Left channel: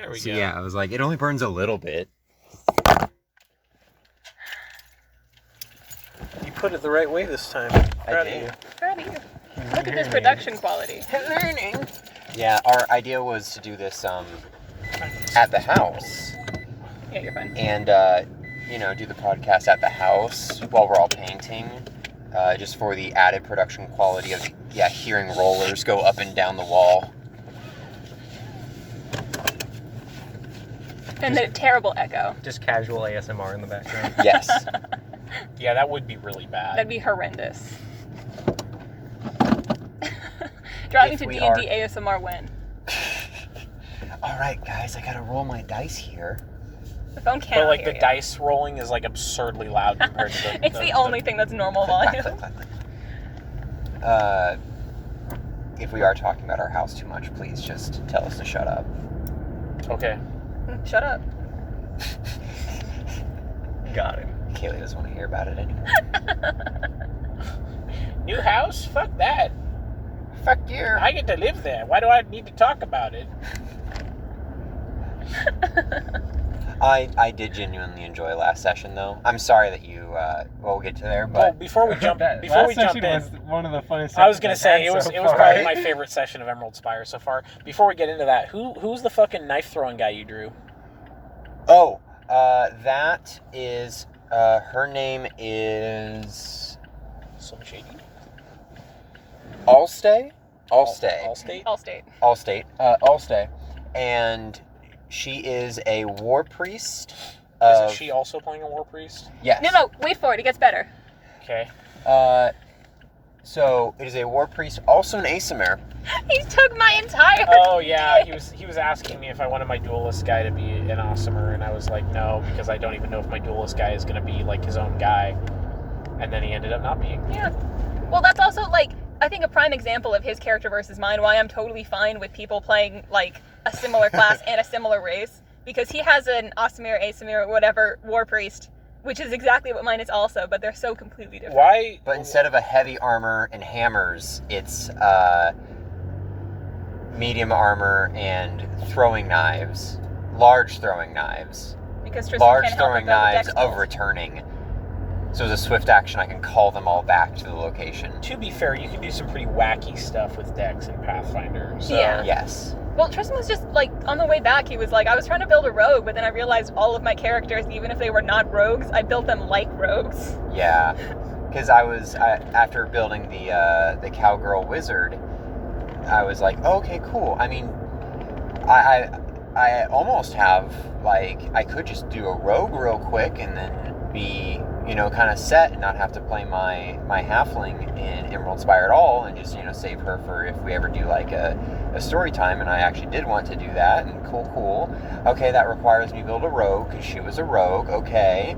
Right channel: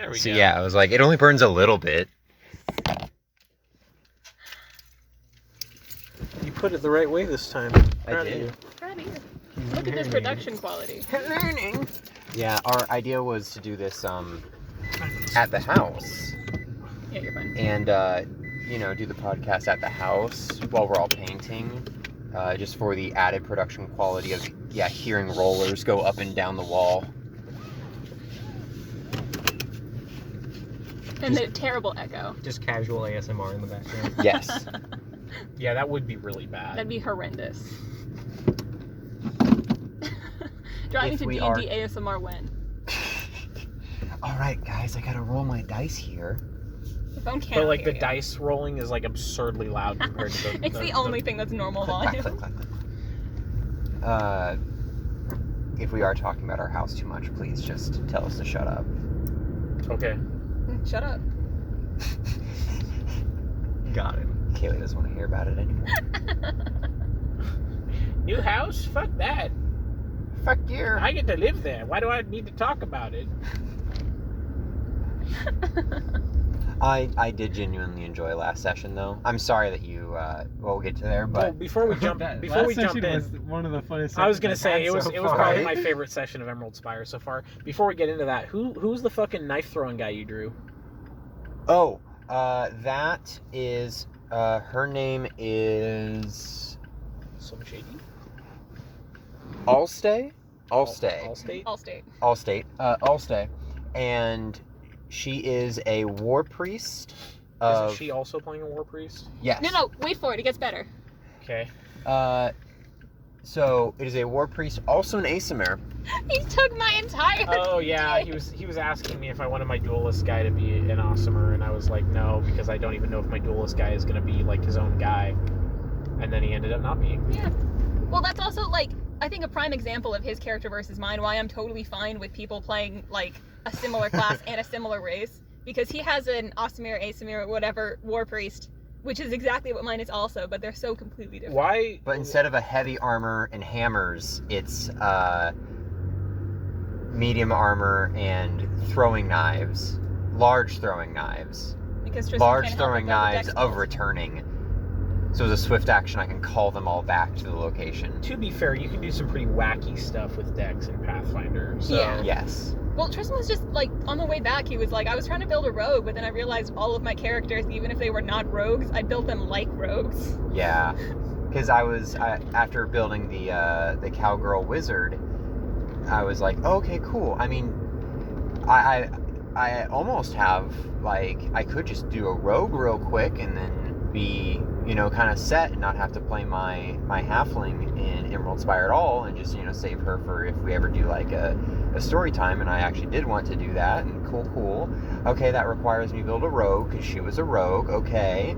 There we So go. yeah, I was like, it only burns a little bit. You put it the right way this time. Proud of you. Proud of you. Look at this production quality. Learning. Yeah, our idea was to do this at the house. Yeah, you're fine. And do the podcast at the house while we're all painting, just for the added production quality of hearing rollers go up and down the wall. And the terrible echo. Just casual ASMR in the background. Yes. Yeah, that would be really bad. That'd be horrendous. Driving If to we DnD ASMR when? All right, guys, I gotta roll my dice here. The phone can't But like hear the you. dice rolling is like absurdly loud compared to the. It's the only thing that's normal volume. If we are talking about our house too much, please just tell us to shut up. Okay. Shut up. Got it. Kaylee doesn't want to hear about it anymore. New house? Fuck that. Fuck you. I get to live there. Why do I need to talk about it? I did genuinely enjoy last session, though. I'm sorry that you. We'll get to there, Well, but before we jump Last in, session was one of the funnest. I was gonna say it was so probably far. my favorite session of Emerald Spire so far. Before we get into that, who's the fucking knife throwing guy you drew? oh, that is. Her name is Some shady. Allstay. Allstate. Allstay, and she is a war priest. Of, Isn't she also playing a war priest? Yes. No, wait for it. It gets better. Okay. So it is a war priest, also an Asimir. He took my entire. Oh yeah, he was asking me if I wanted my duelist guy to be an awesomer, and I was like, no, because I don't even know if my duelist guy is gonna be like his own guy. And then he ended up not being. Yeah. Well, that's also like I think a prime example of his character versus mine. Why I'm totally fine with people playing like a similar class and a similar race, because he has an Asimir, whatever war priest, which is exactly what mine is also, but they're so completely different. Why? But instead of a heavy armor and hammers, it's medium armor and throwing knives, large throwing knives, Because Tristan large can't help throwing but build a knives dex of roll. returning. So as a swift action, I can call them all back to the location. To be fair, you can do some pretty wacky stuff with Dex and Pathfinder. So. Yeah. Yes. Well, Tristan was just like on the way back. He was like, I was trying to build a rogue, but then I realized all of my characters, even if they were not rogues, I built them like rogues. Yeah. Because after building the cowgirl wizard, I was like, oh, okay, cool. I mean, I almost have like I could just do a rogue real quick and then be kind of set and not have to play my halfling in Emerald Spire at all, and just save her for if we ever do like a story time. And I actually did want to do that, and cool. Okay, that requires me to build a rogue because she was a rogue. Okay.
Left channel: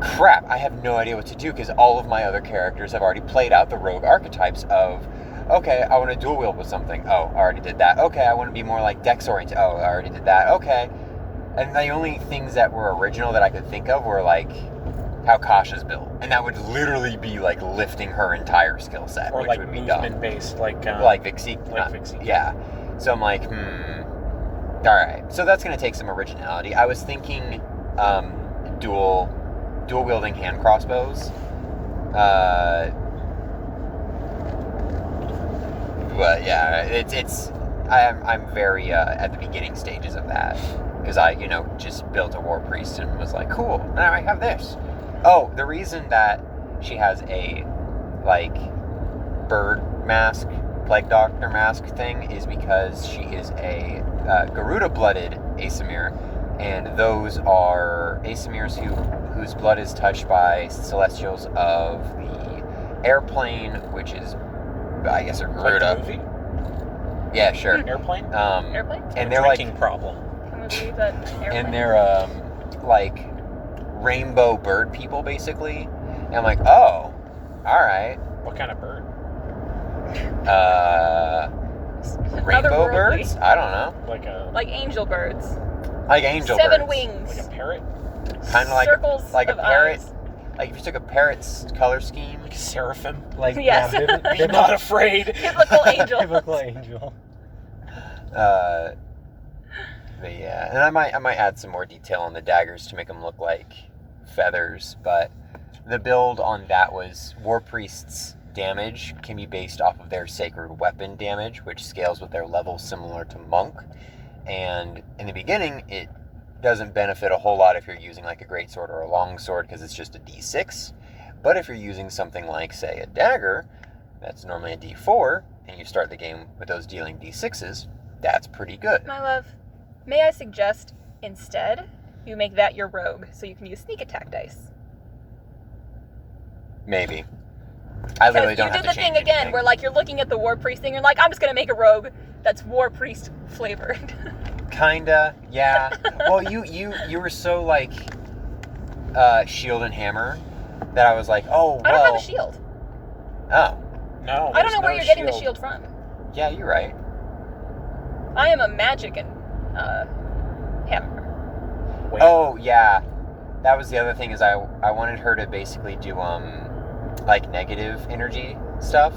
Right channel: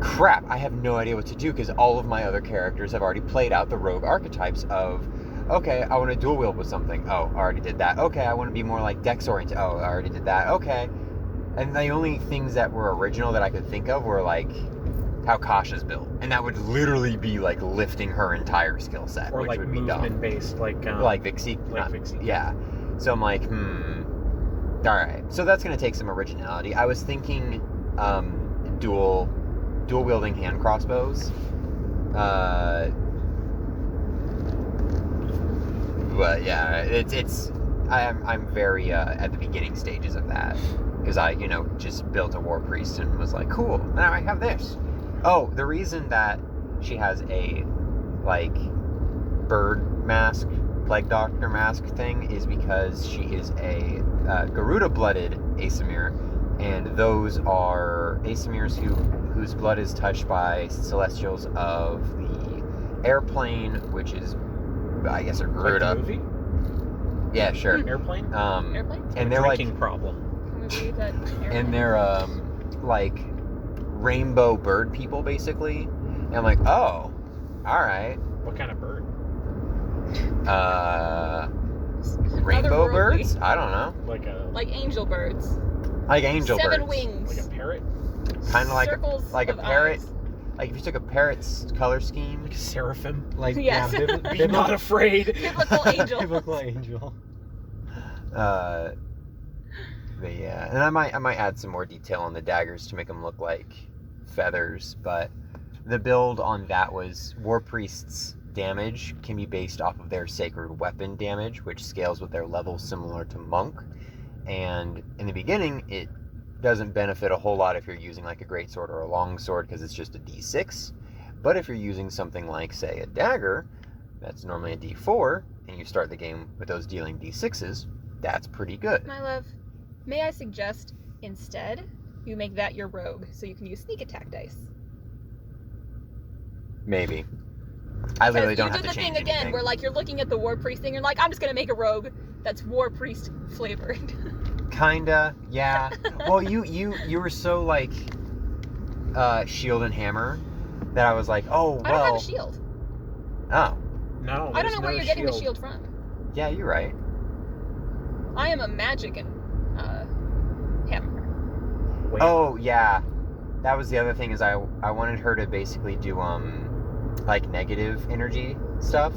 Crap, I have no idea what to do because all of my other characters have already played out the rogue archetypes of, okay, I want to dual wield with something. Oh, I already did that. Okay, I want to be more like Dex oriented. Oh, I already did that. Okay. And the only things that were original that I could think of were like how Kasha's built. And that would literally be like lifting her entire skill set. Or which like would be movement dumb. based, like Vixie. Vixie. Yeah. So I'm like, Alright. So that's going to take some originality. I was thinking dual wielding hand crossbows. But yeah, I'm very at the beginning stages of that because I just built a war priest and was like, cool, now I have this. Oh, the reason that she has a like bird mask, plague doctor mask thing is because she is a Garuda blooded Asimir, and those are Asimirs whose blood is touched by celestials of the airplane, which is I guess a Garuda. Like the movie? Yeah, sure. Airplane? Airplane? And they're like, Drinking problem. Can we believe that airplane? and they're like rainbow bird people basically. And I'm like, oh, all right. What kind of bird? Rainbow Otherworldly. birds? I don't know. Like angel birds. Like angel Seven birds. wings. Like a parrot? Kind of like Circles a of parrot. eyes. Like if you took a parrot's color scheme. Like a seraphim? Like Yes. Be not afraid. Biblical angel. Biblical angel. But yeah, and I might add some more detail on the daggers to make them look like feathers. But the build on that was War Priest's damage can be based off of their sacred weapon damage, which scales with their level, similar to monk. And in the beginning, it doesn't benefit a whole lot if you're using like a greatsword or a longsword, because it's just a d6. But if you're using something like, say, a dagger, that's normally a d4, and you start the game with those dealing d6s, that's pretty good. My love, may I suggest instead you make that your rogue, so you can use sneak attack dice. Maybe. I literally don't have to change you did the thing again anything. where like you're looking at the War Priest thing, you're like, I'm just gonna make a rogue that's War Priest flavored. Kinda, yeah. Well, you were so like shield and hammer that I was like, oh well. I don't have a shield. Oh, No, I don't know there's where no you're getting the shield from. yeah, you're right. I am a magic and hammer. Wait. Oh yeah, that was the other thing, is I wanted her to basically do like negative energy stuff,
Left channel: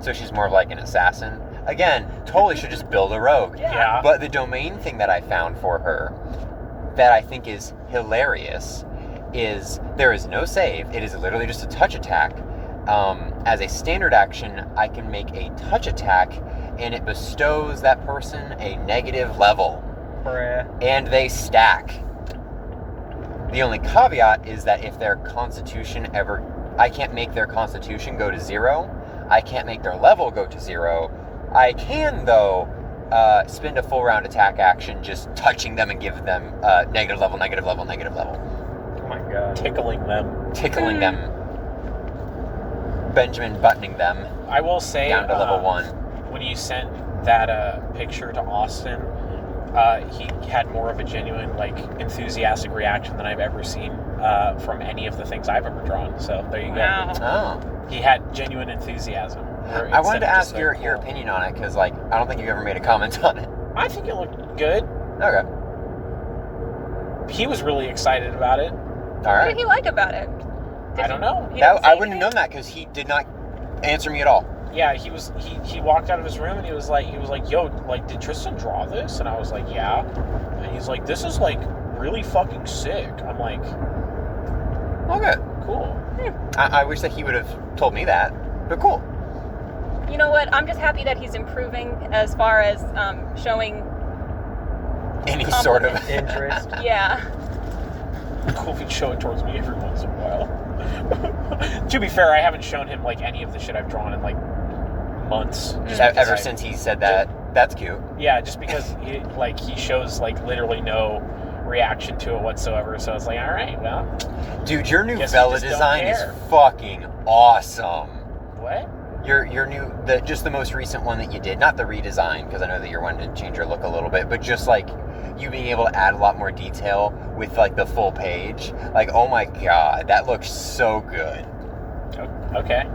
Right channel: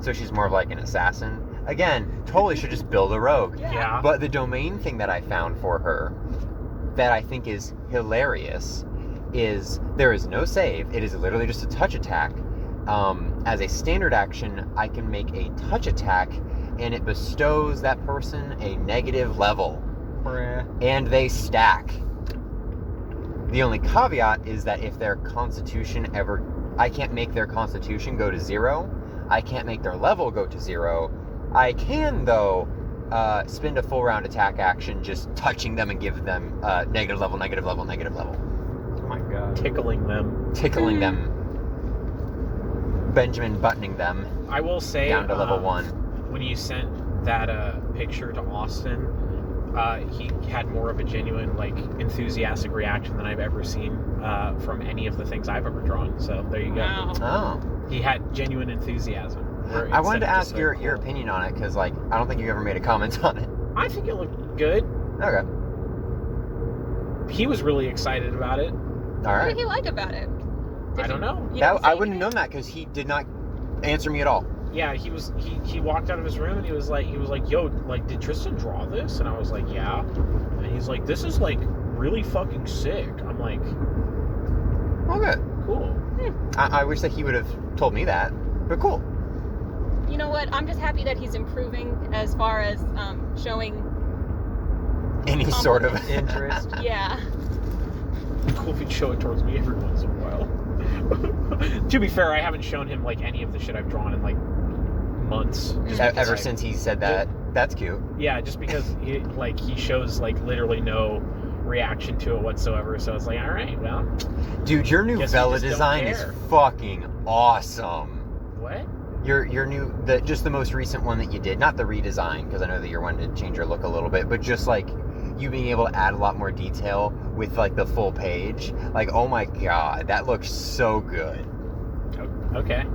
so she's more of like an assassin. Again, totally should just build a rogue. Yeah. But the domain thing that I found for her that I think is hilarious is there is no save. It is literally just a touch attack. As a standard action, I can make a touch attack, and it bestows that person a negative level. And they stack. The only caveat is that if their constitution I can't make their constitution go to 0. I can't make their level go to 0. I can, though, spend a full round attack action just touching them and give them negative level, negative level, negative level. Oh my god. Tickling them. Tickling them. Benjamin buttoning them I will say, down to level 1. when you sent that picture to Austin, he had more of a genuine, like, enthusiastic reaction than I've ever seen from any of the things I've ever drawn. So there you go. Wow. Oh. He had genuine enthusiasm. I wanted to ask Instead of your just like, cool. opinion on it, because, like, I don't think you ever made a comment on it. I think it looked good. Okay. He was really excited about it. All What right. did he like about it? I don't know. He didn't say I wouldn't have anything? known that, because he did not answer me at all. Yeah, he walked out of his room and he was like, yo, like, did Tristan draw this? And I was like, yeah. And he's like, this is like really fucking sick. I'm like, Okay. cool. I wish that he would have told me that, but cool. You know what? I'm just happy that he's improving as far as showing. Any sort of Interest. Yeah. Cool if he'd show it towards me every once in a while. To be fair, I haven't shown him like any of the shit I've drawn in like months. Just because ever since he said that. That's cute. Yeah, just because he shows like literally no reaction to it whatsoever. So it's like, all right, well, Dude, your new Guess you Vela just don't design is care. fucking awesome. what? Your new, just the most recent one that you did, not the redesign, because I know that you're wanting to change your look a little bit, but just like you being able to add a lot more detail with like the full page. Like, oh my god, that looks so good. Okay.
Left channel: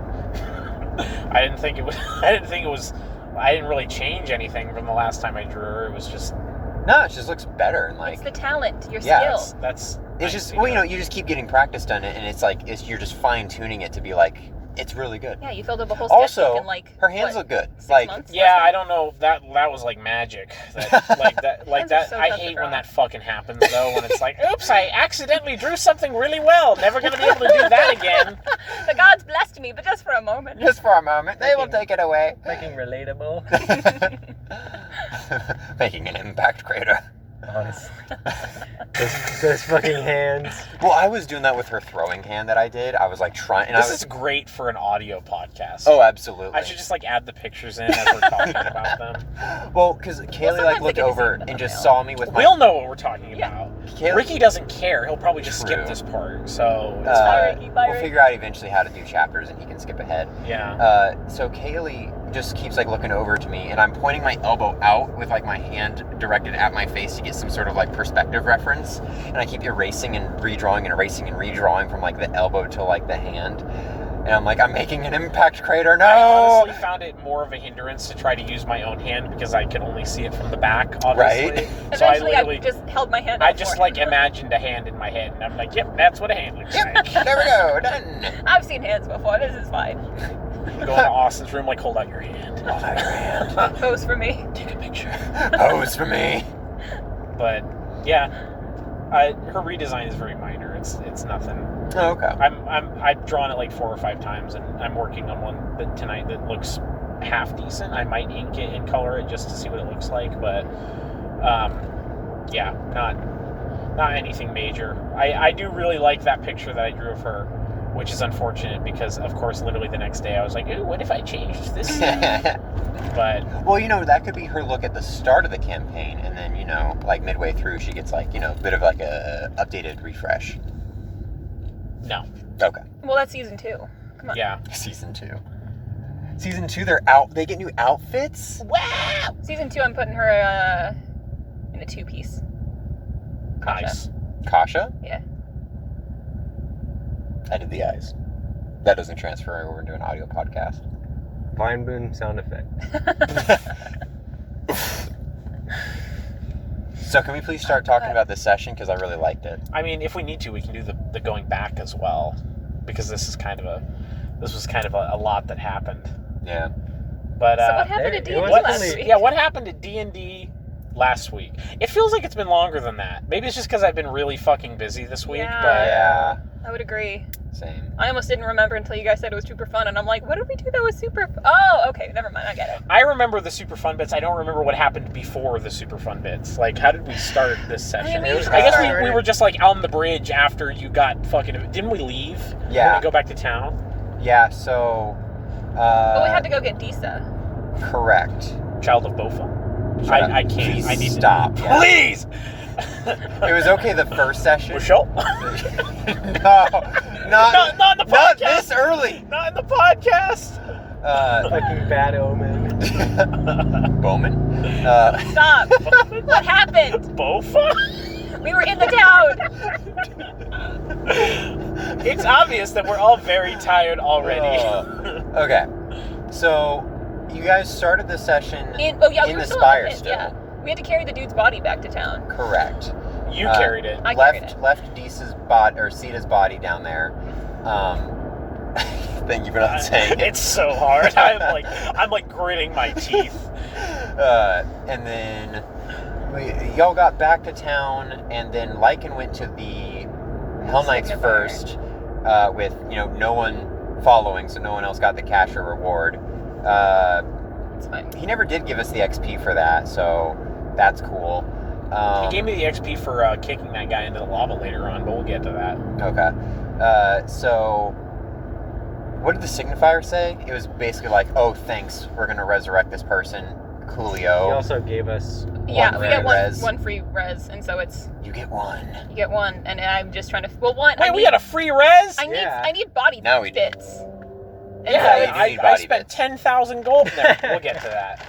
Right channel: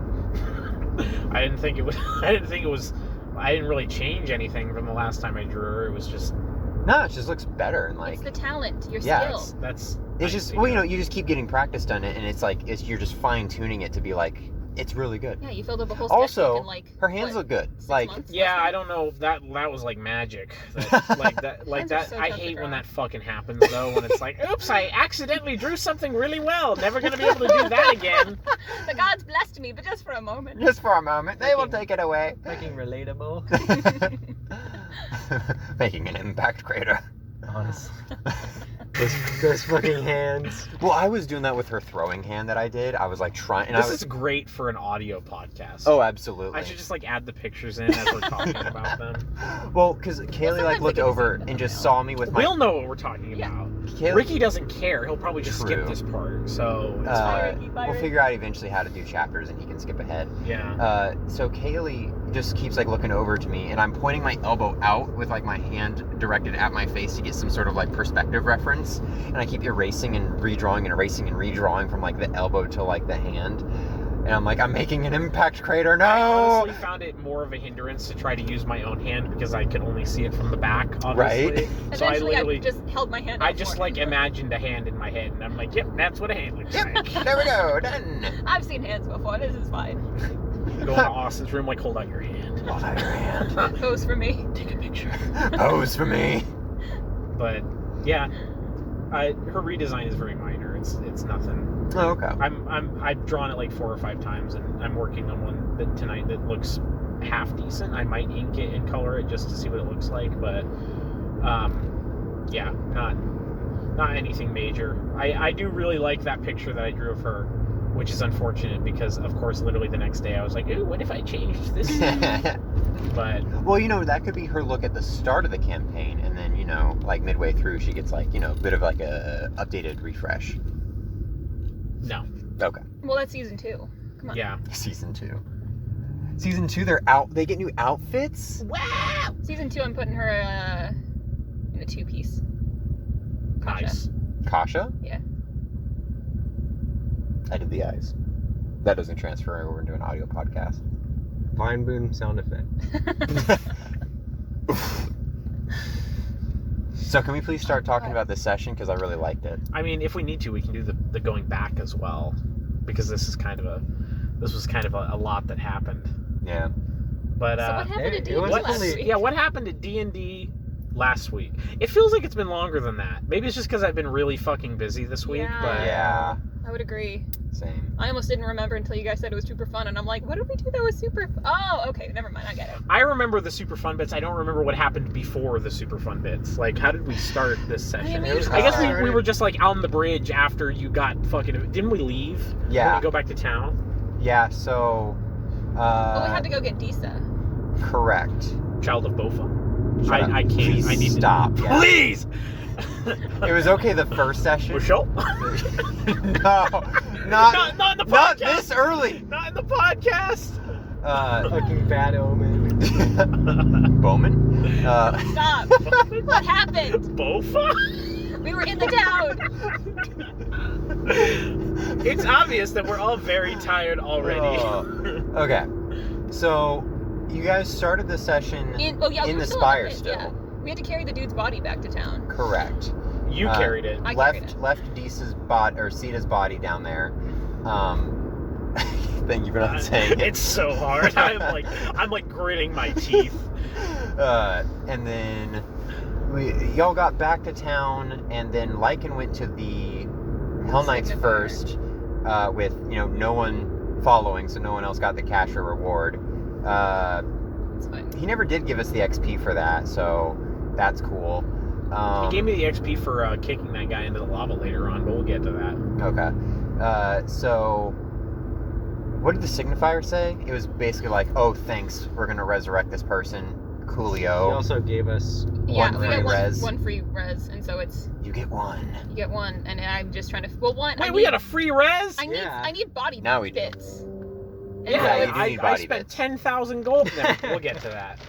I didn't think it was. I didn't really change anything from the last time I drew her. It was just. No, it just looks better, and like It's the talent, your Yeah, skill. That's. it's nice just, to well, you hear. know, you just keep getting practice done, and it's like you're just fine tuning it to be like, it's really good. Yeah, you filled up a whole sketchbook Also, in like her hands what, look good. 6 Like, months? Yeah, I don't know. That was like magic. That, Hands are so I tough to hate draw. when that fucking happens though. When it's like, oops, I accidentally drew something really well. Never gonna be able to do that again. The gods blessed me, but just for a moment. just for a moment, they will take it away. Making relatable. Making an impact crater. Honestly. Those fucking hands. Well, I was doing that with her throwing hand that I did. I was like trying, and This I was. is great for an audio podcast. Oh, absolutely. I should just like add the pictures in as we're talking about them. Well, because Kaylee sometimes like they looked can just over leave it and in just the saw me with my. We'll know what we're talking Yeah. about. Kaylee, Ricky doesn't care. He'll probably just skip True. this part. So it's Bye, Ricky. Bye, we'll Ricky. figure out eventually how to do chapters, and he can skip ahead. yeah. So Kaylee just keeps like looking over to me, and I'm pointing my elbow out with like my hand directed at my face to get some sort of like perspective reference, and I keep erasing and redrawing and erasing and redrawing from like the elbow to like the hand, and I'm like, I'm making an impact crater. No. I honestly found it more of a hindrance to try to use my own hand because I could only see it from the back, obviously. Right. So I Eventually, I literally just held my hand I out just for like it. imagined a hand in my head, and I'm like, yep, that's what a hand looks Yep. like. There we go. Done. I've seen hands before. This is fine. Go into Austin's room, like, hold out your hand. Hold out your hand. Pose for me. Take a picture. Pose for me. But yeah, her redesign is very minor. It's nothing. Oh, okay. I've drawn it like 4 or 5 times, and I'm working on one tonight that looks half decent. I might ink it and color it just to see what it looks like, but yeah, not anything major. I do really like that picture that I drew of her, which is unfortunate because, of course, literally the next day I was like, ooh, what if I changed this? But well, that could be her look at the start of the campaign, and then like midway through she gets like a bit of like a updated refresh. no. Okay. Well, that's season 2. Come on. Yeah. Season 2. Season 2, they get new outfits. Wow. Season 2, I'm putting her in a 2-piece. Kasha. Nice. Kasha? Yeah. I did the eyes. That doesn't transfer over into an audio podcast. Vine boom sound effect. So can we please start talking about this session, because I really liked it. I mean, if we need to, we can do the going back as well, because this was kind of a lot that happened. Yeah. But So what happened to it D&D wasn't last really- week? yeah, what happened to D&D last week? It feels like it's been longer than that. Maybe it's just because I've been really fucking busy this week. Yeah. But Yeah. I would agree. Same. I almost didn't remember until you guys said it was super fun, and I'm like, what did we do that was super Oh, okay, never mind, I get it. I remember the super fun bits. I don't remember what happened before the super fun bits. Like, how did we start this session? mean, I guess we we were just like on the bridge after you got fucking. Didn't we leave? Yeah. Didn't we go back to town? Yeah, so... But we had to go get Disa. Correct. Child of Bofa. Shut up. I can't. Please I need stop. To, Yeah. Please. It was okay the first session. Michelle? No. Not in the podcast. Not this early. Not in the podcast. Fucking bad omen. Bowman? Stop! What happened? Bofa? We were in the town! It's obvious that we're all very tired already. Okay. So, you guys started the session We in were the still spire in the pit, still. yeah. We had to carry the dude's body back to town. Correct. You carried it. I carried it. Left Deesa's body, or Sita's body down there. Thank you for not saying it. It's so hard. I'm like gritting my teeth. And then y'all got back to town, and then Lycan went to the Hell Knights Signifier. first, with no one following, so no one else got the cash or reward. It's fine. He never did give us the XP for that, so that's cool. He gave me the XP for kicking that guy into the lava later on, but we'll get to that. Okay. So, what did the signifier say? It was basically like, oh, thanks, we're going to resurrect this person, Coolio. He also gave us Yeah, we free get res. one free res, and so it's You get one. you get one, and I'm just trying to. Well, one. Wait, we got a free res? I need body No, we don't. bits. And Yeah, so you it's- do need I body spent bits. 10,000 gold there. We'll get to that.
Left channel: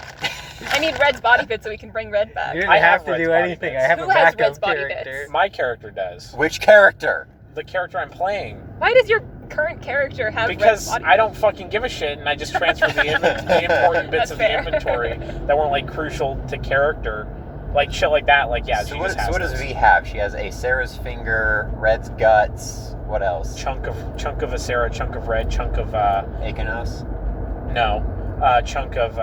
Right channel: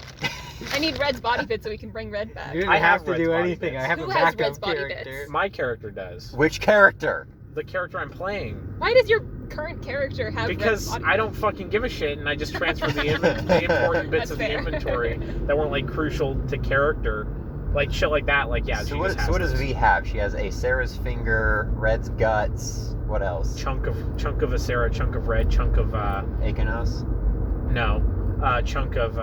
I need Red's body bits so we can bring Red back. You didn't I have have to Red's do body anything. bits. I have Who a has backup Red's body character. bits? My character does. Which character? The character I'm playing. Why does your current character have Red's Because body I don't fucking give a shit, and I just transfer the important bits That's of fair. the inventory that weren't like crucial to character, like shit like that. Like yeah, So she what, just has so what does those. V have? She has a Sarah's finger, Red's guts. What else? chunk of Acera, chunk of red, chunk of Akenos. chunk of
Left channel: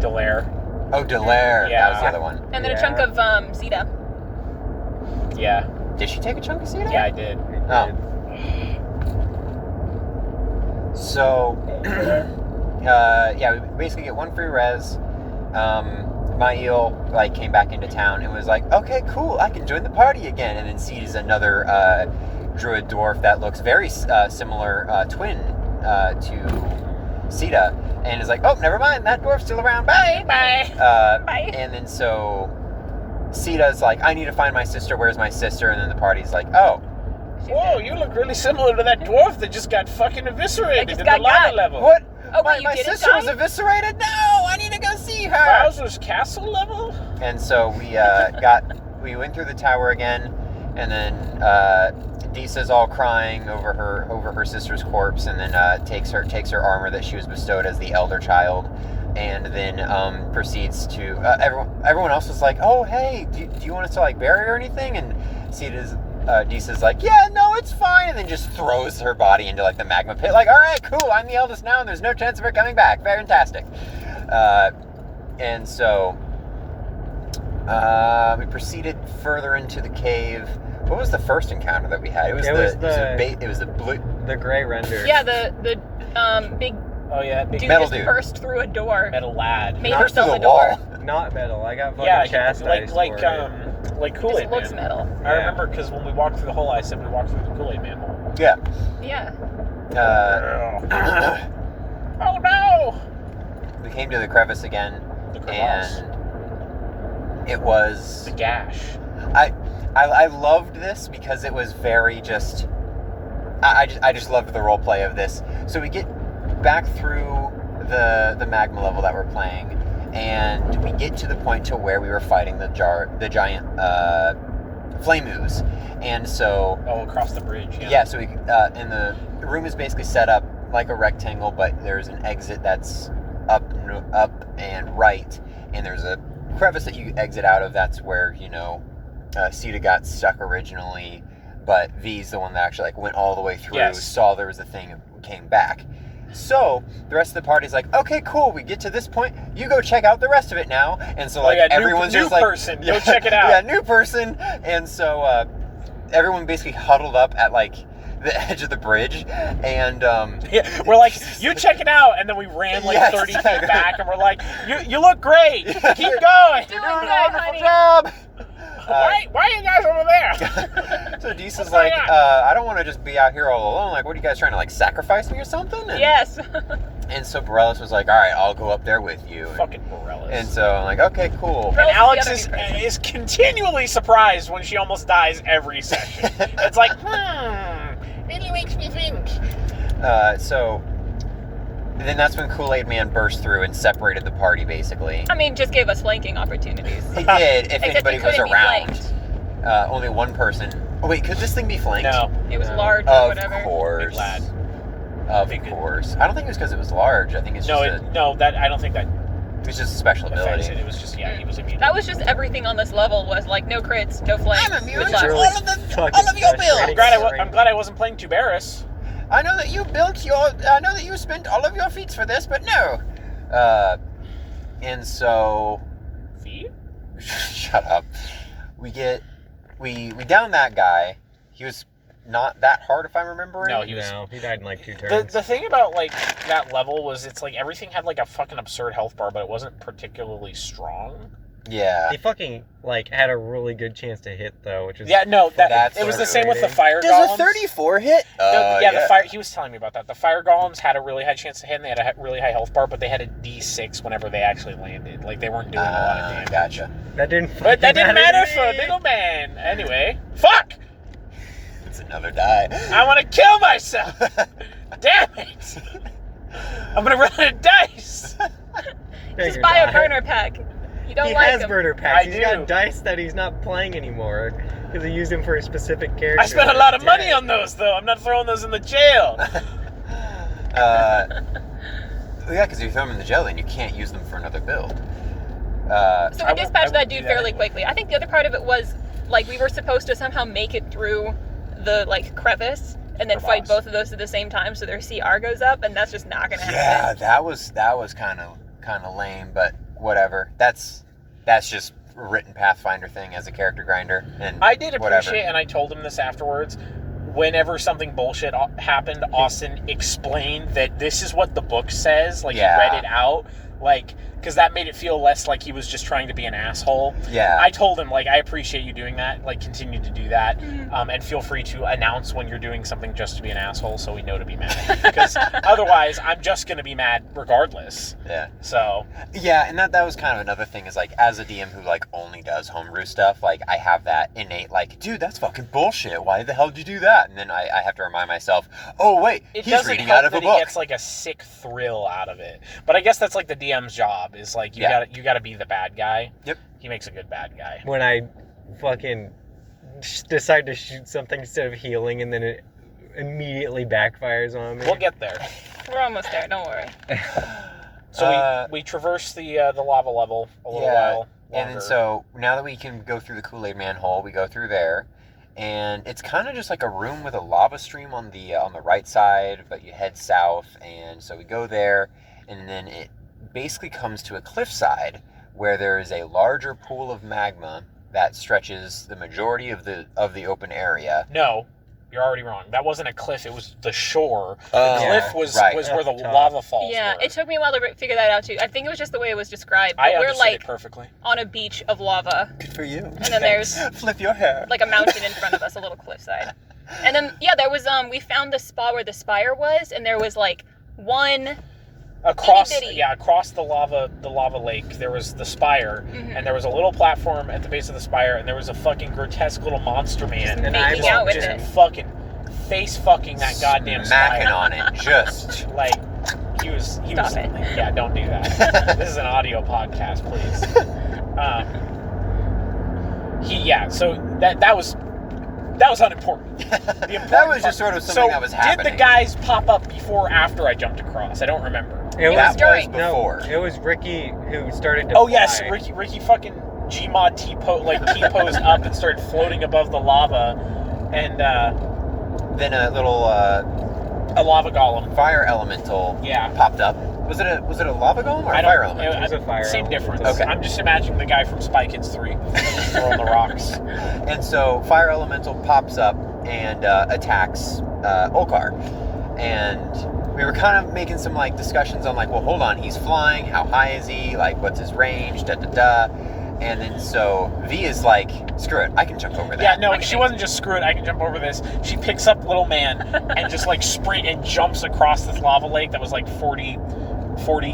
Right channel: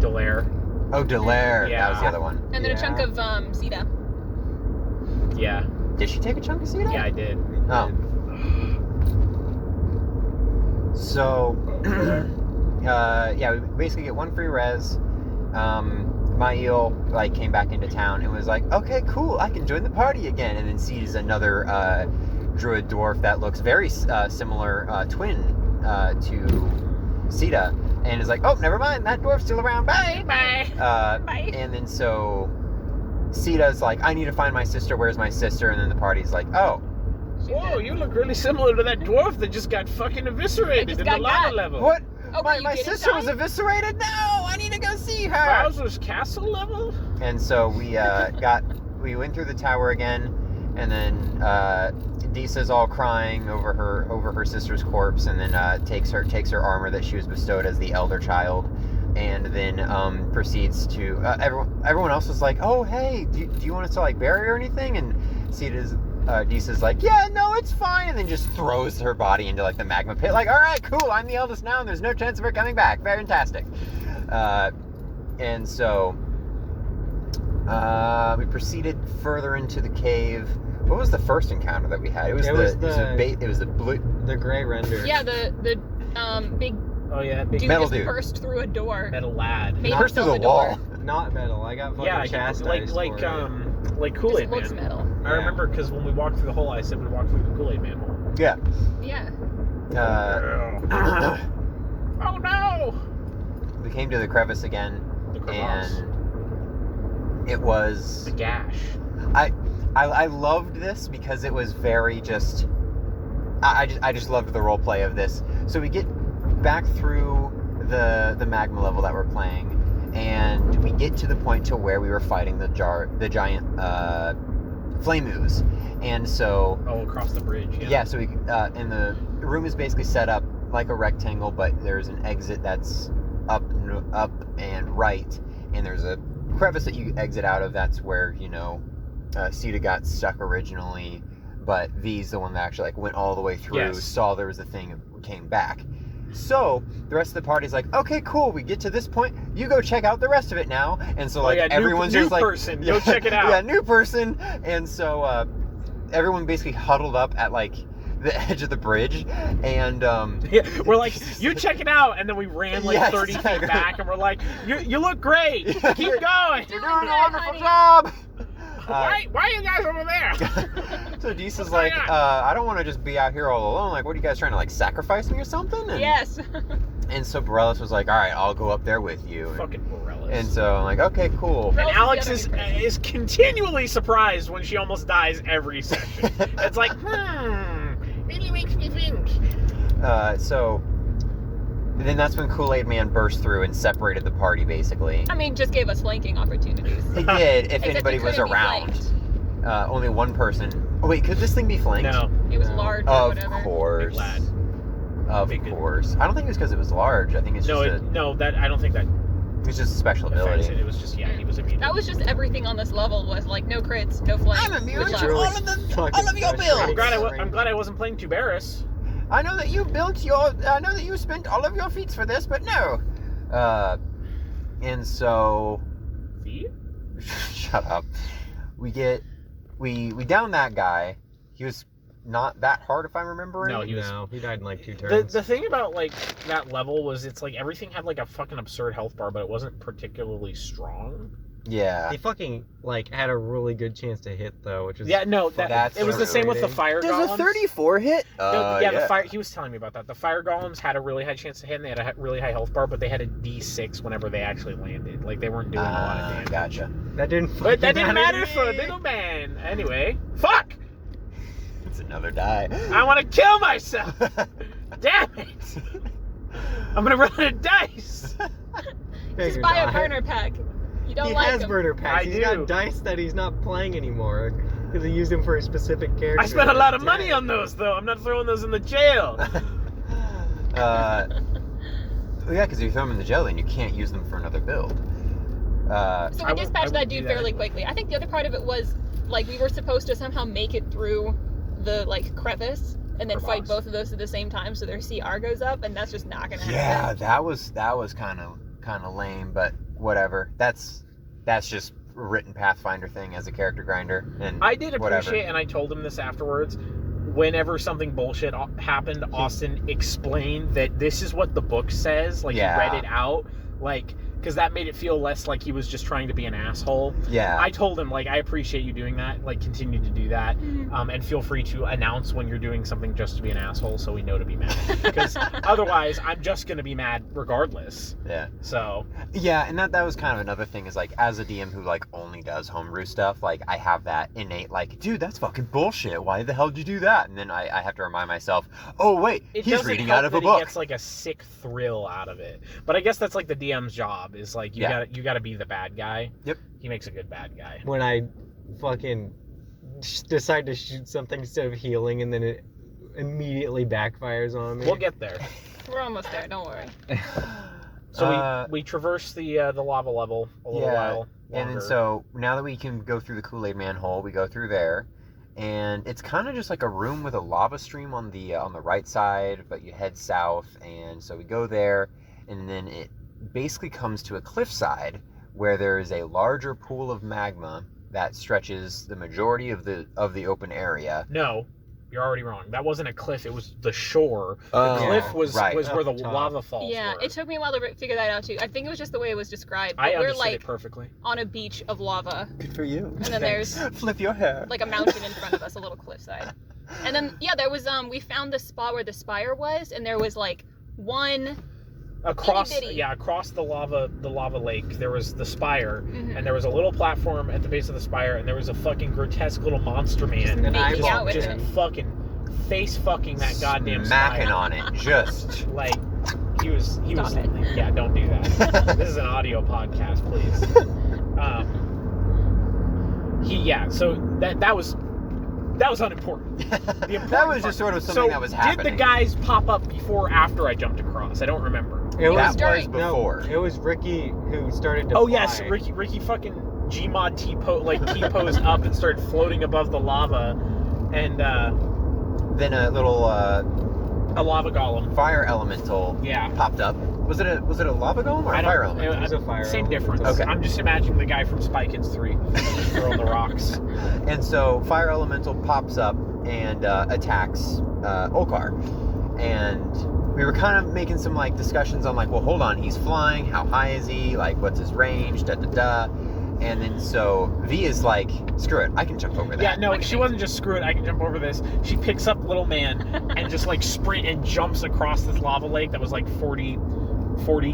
Delaire. Oh, Delaire. Yeah. That was the other one. And then a chunk of Zeta. Yeah, Did she take a chunk of Cedar? yeah, I did. Oh. So, yeah, we basically get one free res. Mael came back into town and was like, okay, cool, I can join the party again. And then sees another druid dwarf that looks very similar twin to Sita, and is like, oh, never mind, that dwarf's still around. Bye. Bye. Bye. And then so Sita's like, I need to find my sister. Where's my sister? And then the party's like, oh. Whoa, you look really similar to that dwarf that just got fucking eviscerated just in got the lava got. level. What? Oh, wait, you my didn't sister die? was eviscerated? No, I need to go see her. Bowser's castle level? And so we we went through the tower again, and then Disa's all crying over her sister's corpse, and then takes her armor that she was bestowed as the elder child, and then proceeds to everyone else was like, oh hey, do you want us to bury her or anything? And Disa's like, yeah, no, it's fine, and then just throws her body into the magma pit, all right, cool, I'm the eldest now, and there's no chance of her coming back. Fantastic. And so We proceeded further into the cave. What was the first encounter that we had? It was the blue. The gray render. Yeah, the big Oh yeah, big dude metal just dude. burst through a door. metal lad. Made Not himself through a the door. wall. Not metal. I got fucking Yeah, chastised like for it. like It Kool-Aid looks Man. metal. I remember because when we walked through the hole, I said we walked through the Kool-Aid Man hole. Yeah. Yeah. Oh no! We came to the crevice again, The crevasse. and it was. The gash. I loved this because it was very just. I just loved the role play of this. So we get back through the magma level that we're playing, and we get to the point to where we were fighting the giant flame ooze, and so. Oh, across the bridge. Yeah. Yeah, so we and the room is basically set up like a rectangle, but there's an exit that's up and right, and there's a crevice that you exit out of. That's where Sita got stuck originally, but V's the one that actually like went all the way through, Yes. saw there was a thing, and came back. So the rest of the party's like, okay, cool, we get to this point, you go check out the rest of it now. And so like everyone's new just like, person, go check it out. Yeah, new person. And so everyone basically huddled up at like the edge of the bridge, and Yeah, we're like, you check it out, and then we ran like Yes. 30 feet back, and we're like, you look great, keep going. Doing doing good, a wonderful honey. job. Why are you guys over there? So Deesa's What's like, going on? I don't want to just be out here all alone. Like, what are you guys trying to like sacrifice me or something? And, Yes. And so Borellis was like, all right, I'll go up there with you. Fucking Borellis. And so I'm like, okay, cool. Borellis And is Alex the other is, big person. is continually surprised when she almost dies every session. It's like, really makes me think. So then that's when Kool-Aid Man burst through and separated the party, basically. I mean, just gave us flanking opportunities. He did, if Except anybody he was couldn't be around. flanked. Only one person. Oh, wait, could this thing be flanked? No. It was No. large or Of whatever. course. Big lad. Of Big- course. I don't think it was because it was large. I think it's No, just I don't think that it was just a special affects ability. it. It was just, he was immune. That was just everything on this level was like no crits, no flanks. I'm immune good to luck. really all of fucking your builds. frustrating. I'm glad I wasn't playing Tuberus. I know that you I know that you spent all of your feats for this, but no. And so See? shut up. We down that guy. He was not that hard, if I'm remembering. No, he was. No, he died in like 2 turns. The thing about like that level was it's like everything had like a fucking absurd health bar, but it wasn't particularly strong. Yeah. He fucking like had a really good chance to hit though, which is Yeah, no, That's it was the so same with the fire Does golems. a 34 hit? No, yeah, the fire. He was telling me about that. The fire golems had a really high chance to hit, and they had a really high health bar, but they had a D6 whenever they actually landed. Like they weren't doing a lot of damage. Gotcha. that didn't. But that fucking didn't matter to for me. Little Man. Anyway, fuck! It's another die. I want to kill myself. Damn it! I'm gonna roll a dice. Pick Just your buy a die. burner pack. You don't He like has them. burner packs. I He's do. got dice that he's not playing anymore because he used them for a specific character. I spent a lot of Dead. money on those, though. I'm not throwing those in the jail. Yeah, because if you throw them in the jail, then you can't use them for another build. So I we won't- dispatched I that won't dude do that fairly anyway. quickly. I think the other part of it was like we were supposed to somehow make it through the like crevice and then fight Crevasse. both of those at the same time, so their CR goes up, and that's just not gonna happen. Yeah, that was kind of lame, but whatever. That's just a written Pathfinder thing as a character grinder, and I did whatever. appreciate, and I told him this afterwards, whenever something bullshit happened, Austin explained that this is what the book says. Like, Yeah. he read it out. Like, because that made it feel less like he was just trying to be an asshole. Yeah. I told him, like, I appreciate you doing that. Like, continue to do that. Mhm. And feel free to announce when you're doing something just to be an asshole so we know to be mad. Because otherwise, I'm just going to be mad regardless. Yeah. So, Yeah, and that was kind of another thing is like as a DM who like only does homebrew stuff, like I have that innate like, dude, that's fucking bullshit. Why the hell did you do that? And then I have to remind myself, oh wait, it he's doesn't reading help out of that a he book. gets like a sick thrill out of it. But I guess that's like the DM's job is like you gotta be the bad guy. Yep. He makes a good bad guy. When I fucking decide to shoot something instead of healing, and then it immediately backfires on me. We'll get there. We're almost there. Don't worry. So we traverse the lava level a little while longer. And then so now that we can go through the Kool-Aid Man hole, we go through there, and it's kind of just like a room with a lava stream on the right side, but you head south, and so we go there, and then it basically comes to a cliffside where there is a larger pool of magma that stretches the majority of the open area. No, you're already wrong. That wasn't a cliff. It was the shore. Oh, The cliff was right. where the Top. lava falls Yeah, were. it took me a while to figure that out too. I think it was just the way it was described. I But we're understood like it perfectly. on a beach of lava, Good for you. and then there's Flip your hair. like a mountain in front of us, a little cliffside. And then there was we found the spot where the spire was, and there was like one Across itty-bitty. across the lava lake, there was the spire, Mhm. and there was a little platform at the base of the spire, and there was a fucking grotesque little monster man Just making out with just it. fucking face fucking that goddamn Smacking spire. on it. Just. Like he was Stop it. yeah, don't do that. This is an audio podcast, please. So that was unimportant. The important That was just part- sort of something so that was happening. did the guys pop up before or after I jumped across? I don't remember. It was was during. before. No, it was Ricky who started to Oh fly. yes, Ricky fucking Gmod T-posed up and started floating above the lava, and Then a little a lava golem. fire elemental Yeah. popped up. Was it a lava golem or a I don't- fire elemental? It was a fire Same elemental. difference. Okay. I'm just imagining the guy from Spy Kids 3 throwing the rocks. And so fire elemental pops up and attacks Olkar. And we were kind of making some like discussions on like, well, hold on, he's flying. How high is he? Like, what's his range? Da da da. And then so V is like, screw it, I can jump over that. Yeah, no, she wasn't just screw it, I can jump over this. She picks up little man and just like sprint and jumps across this lava lake that was like 40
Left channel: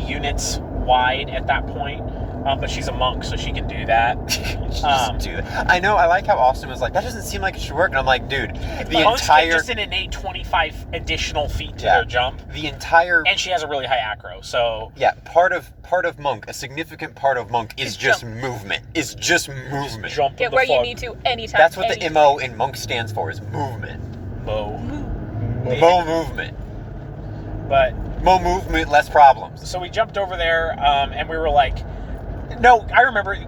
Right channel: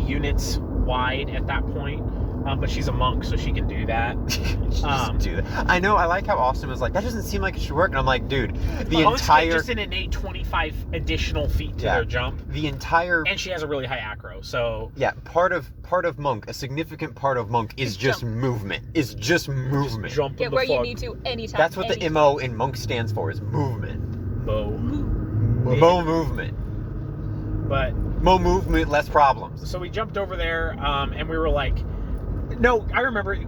units wide at that point. But she's a monk, so she can do that. Just do that. I know. I like how Austin was like, that doesn't seem like it should work. And I'm like, dude, the Monks get entire just an innate 25 additional feet to their jump, and she has a really high acro. So part of monk, a significant part of monk is just movement. Is just movement. jump Get the where you fuck. need to anytime. That's what the anything. MO in monk stands for, is movement. Mo. Mo movement. But Mo movement, less problems. so we jumped over there, and we were like, no, I remember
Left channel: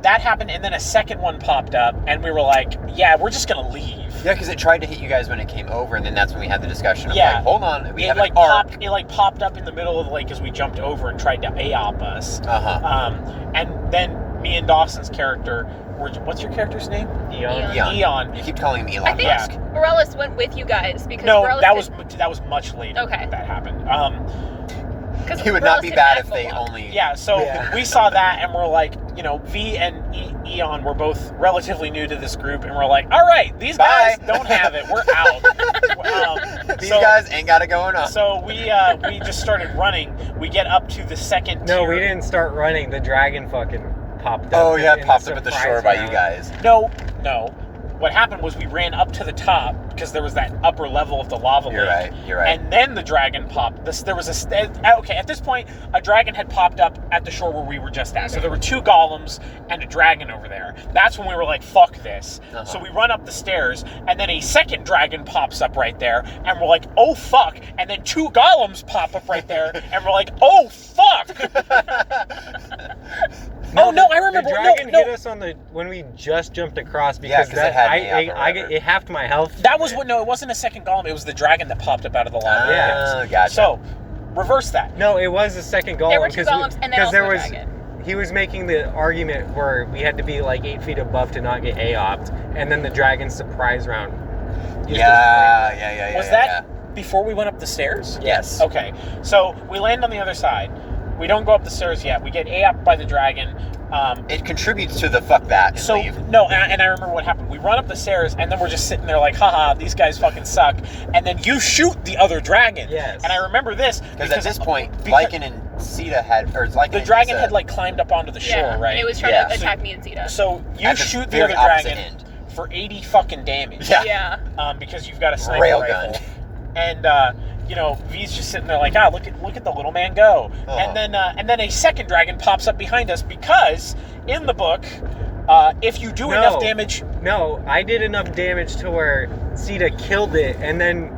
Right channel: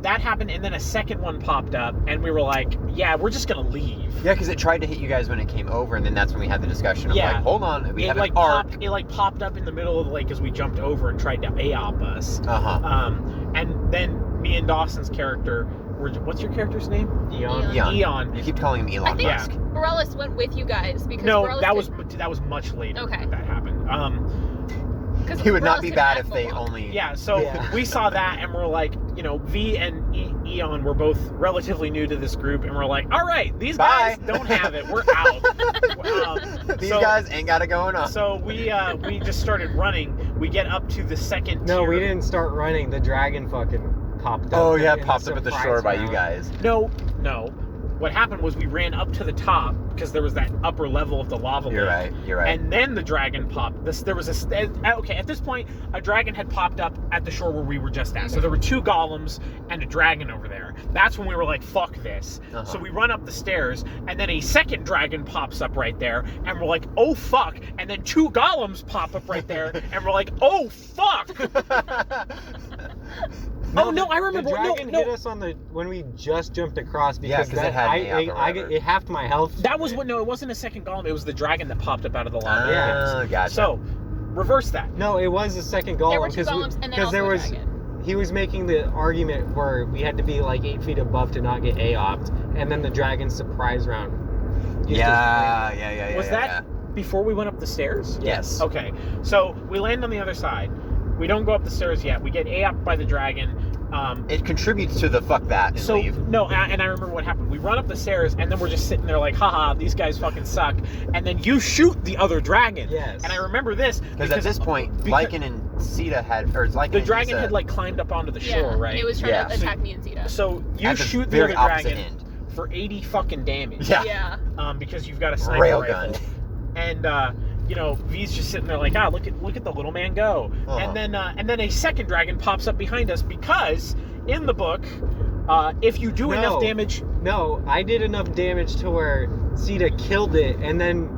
that happened, and then a second one popped up, and we were like, yeah, we're just gonna leave. Yeah, because it tried to hit you guys when it came over, and then that's when we had the discussion of Yeah. like, hold on, we have It an arc. popped up in the middle of the lake as we jumped over and tried to AOP us. Uh-huh. And then me and Dawson's character were, what's your character's name? Eon. Eon. You keep calling him I Elon think Musk. Morales went with you guys because No, Morales that was much later. Okay. That happened. It would not be bad if they only... Yeah, so Yeah. we saw that and we're like, V and Eon were both relatively new to this group, and we're like, all right, these Bye. guys don't have it. We're out. These guys ain't got it going on. So we just started running. We get up to the second No, tier. we didn't start running. The dragon fucking popped up. Oh yeah, in it the popped up at the surprise shore by you round. guys. No. What happened was we ran up to the top because there was that upper level of the lava You're lake. right. You're right. And then the dragon popped. There was at this point, a dragon had popped up at the shore where we were just at. So there were 2 golems and a dragon over there. That's when we were like, fuck this. Uh-huh. So we run up the stairs, and then a second dragon pops up right there, and we're like, oh fuck. And then 2 golems pop up right there, and we're like, oh fuck. No, I remember. The dragon hit us on when we just jumped across because 'cause it had me up or I whatever. it halved my health. That was what. No, it wasn't a second golem. It was the dragon that popped up out of the lava. Oh, gotcha. So, reverse that. No, it was the second golem. There were 2 golems and then also there a was dragon. he was making the argument where we had to be like 8 feet above to not get AOP'd, and then the dragon surprise round. Was that before we went up the stairs? Yes. Okay. So we land on the other side. We don't go up the stairs yet. We get AOP'd by the dragon. It contributes to the fuck that and So leave. no, and I remember what happened. We run up the stairs, and then we're just sitting there like, haha, these guys fucking suck. And then you shoot the other dragon. Yes. And I remember this Because at this point, Lycan and Sita had, or Lycan the and dragon Issa had like climbed up onto the shore, right? And it was trying Yeah. to attack me and Zeta. So you at the shoot the very other opposite dragon end. for 80 fucking damage. Yeah. Yeah. Because you've got a sniper Railgun. rifle. And V's just sitting there like, look at the little man go. Uh-huh. And then a second dragon pops up behind us because in the book, if you do enough damage, No, I did enough damage to where Sita killed it, and then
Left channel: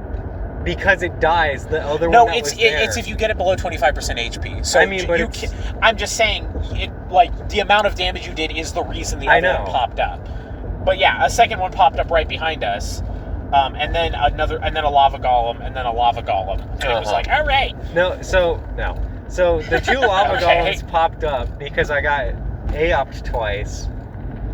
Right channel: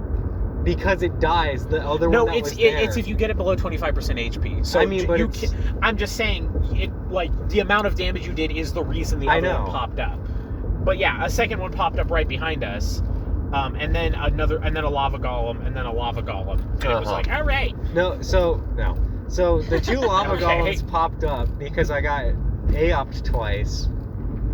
because it dies, the other no, one that it's was there. it's if you get it below 25% HP. So I mean, but you it's- I'm just saying, it like the amount of damage you did is the reason the I other know. one popped up. But yeah, a second one popped up right behind us. And then a lava golem, and then a lava golem. And it was Uh-huh. like, all right. So the 2 lava Okay. golems popped up because I got AOP'd twice.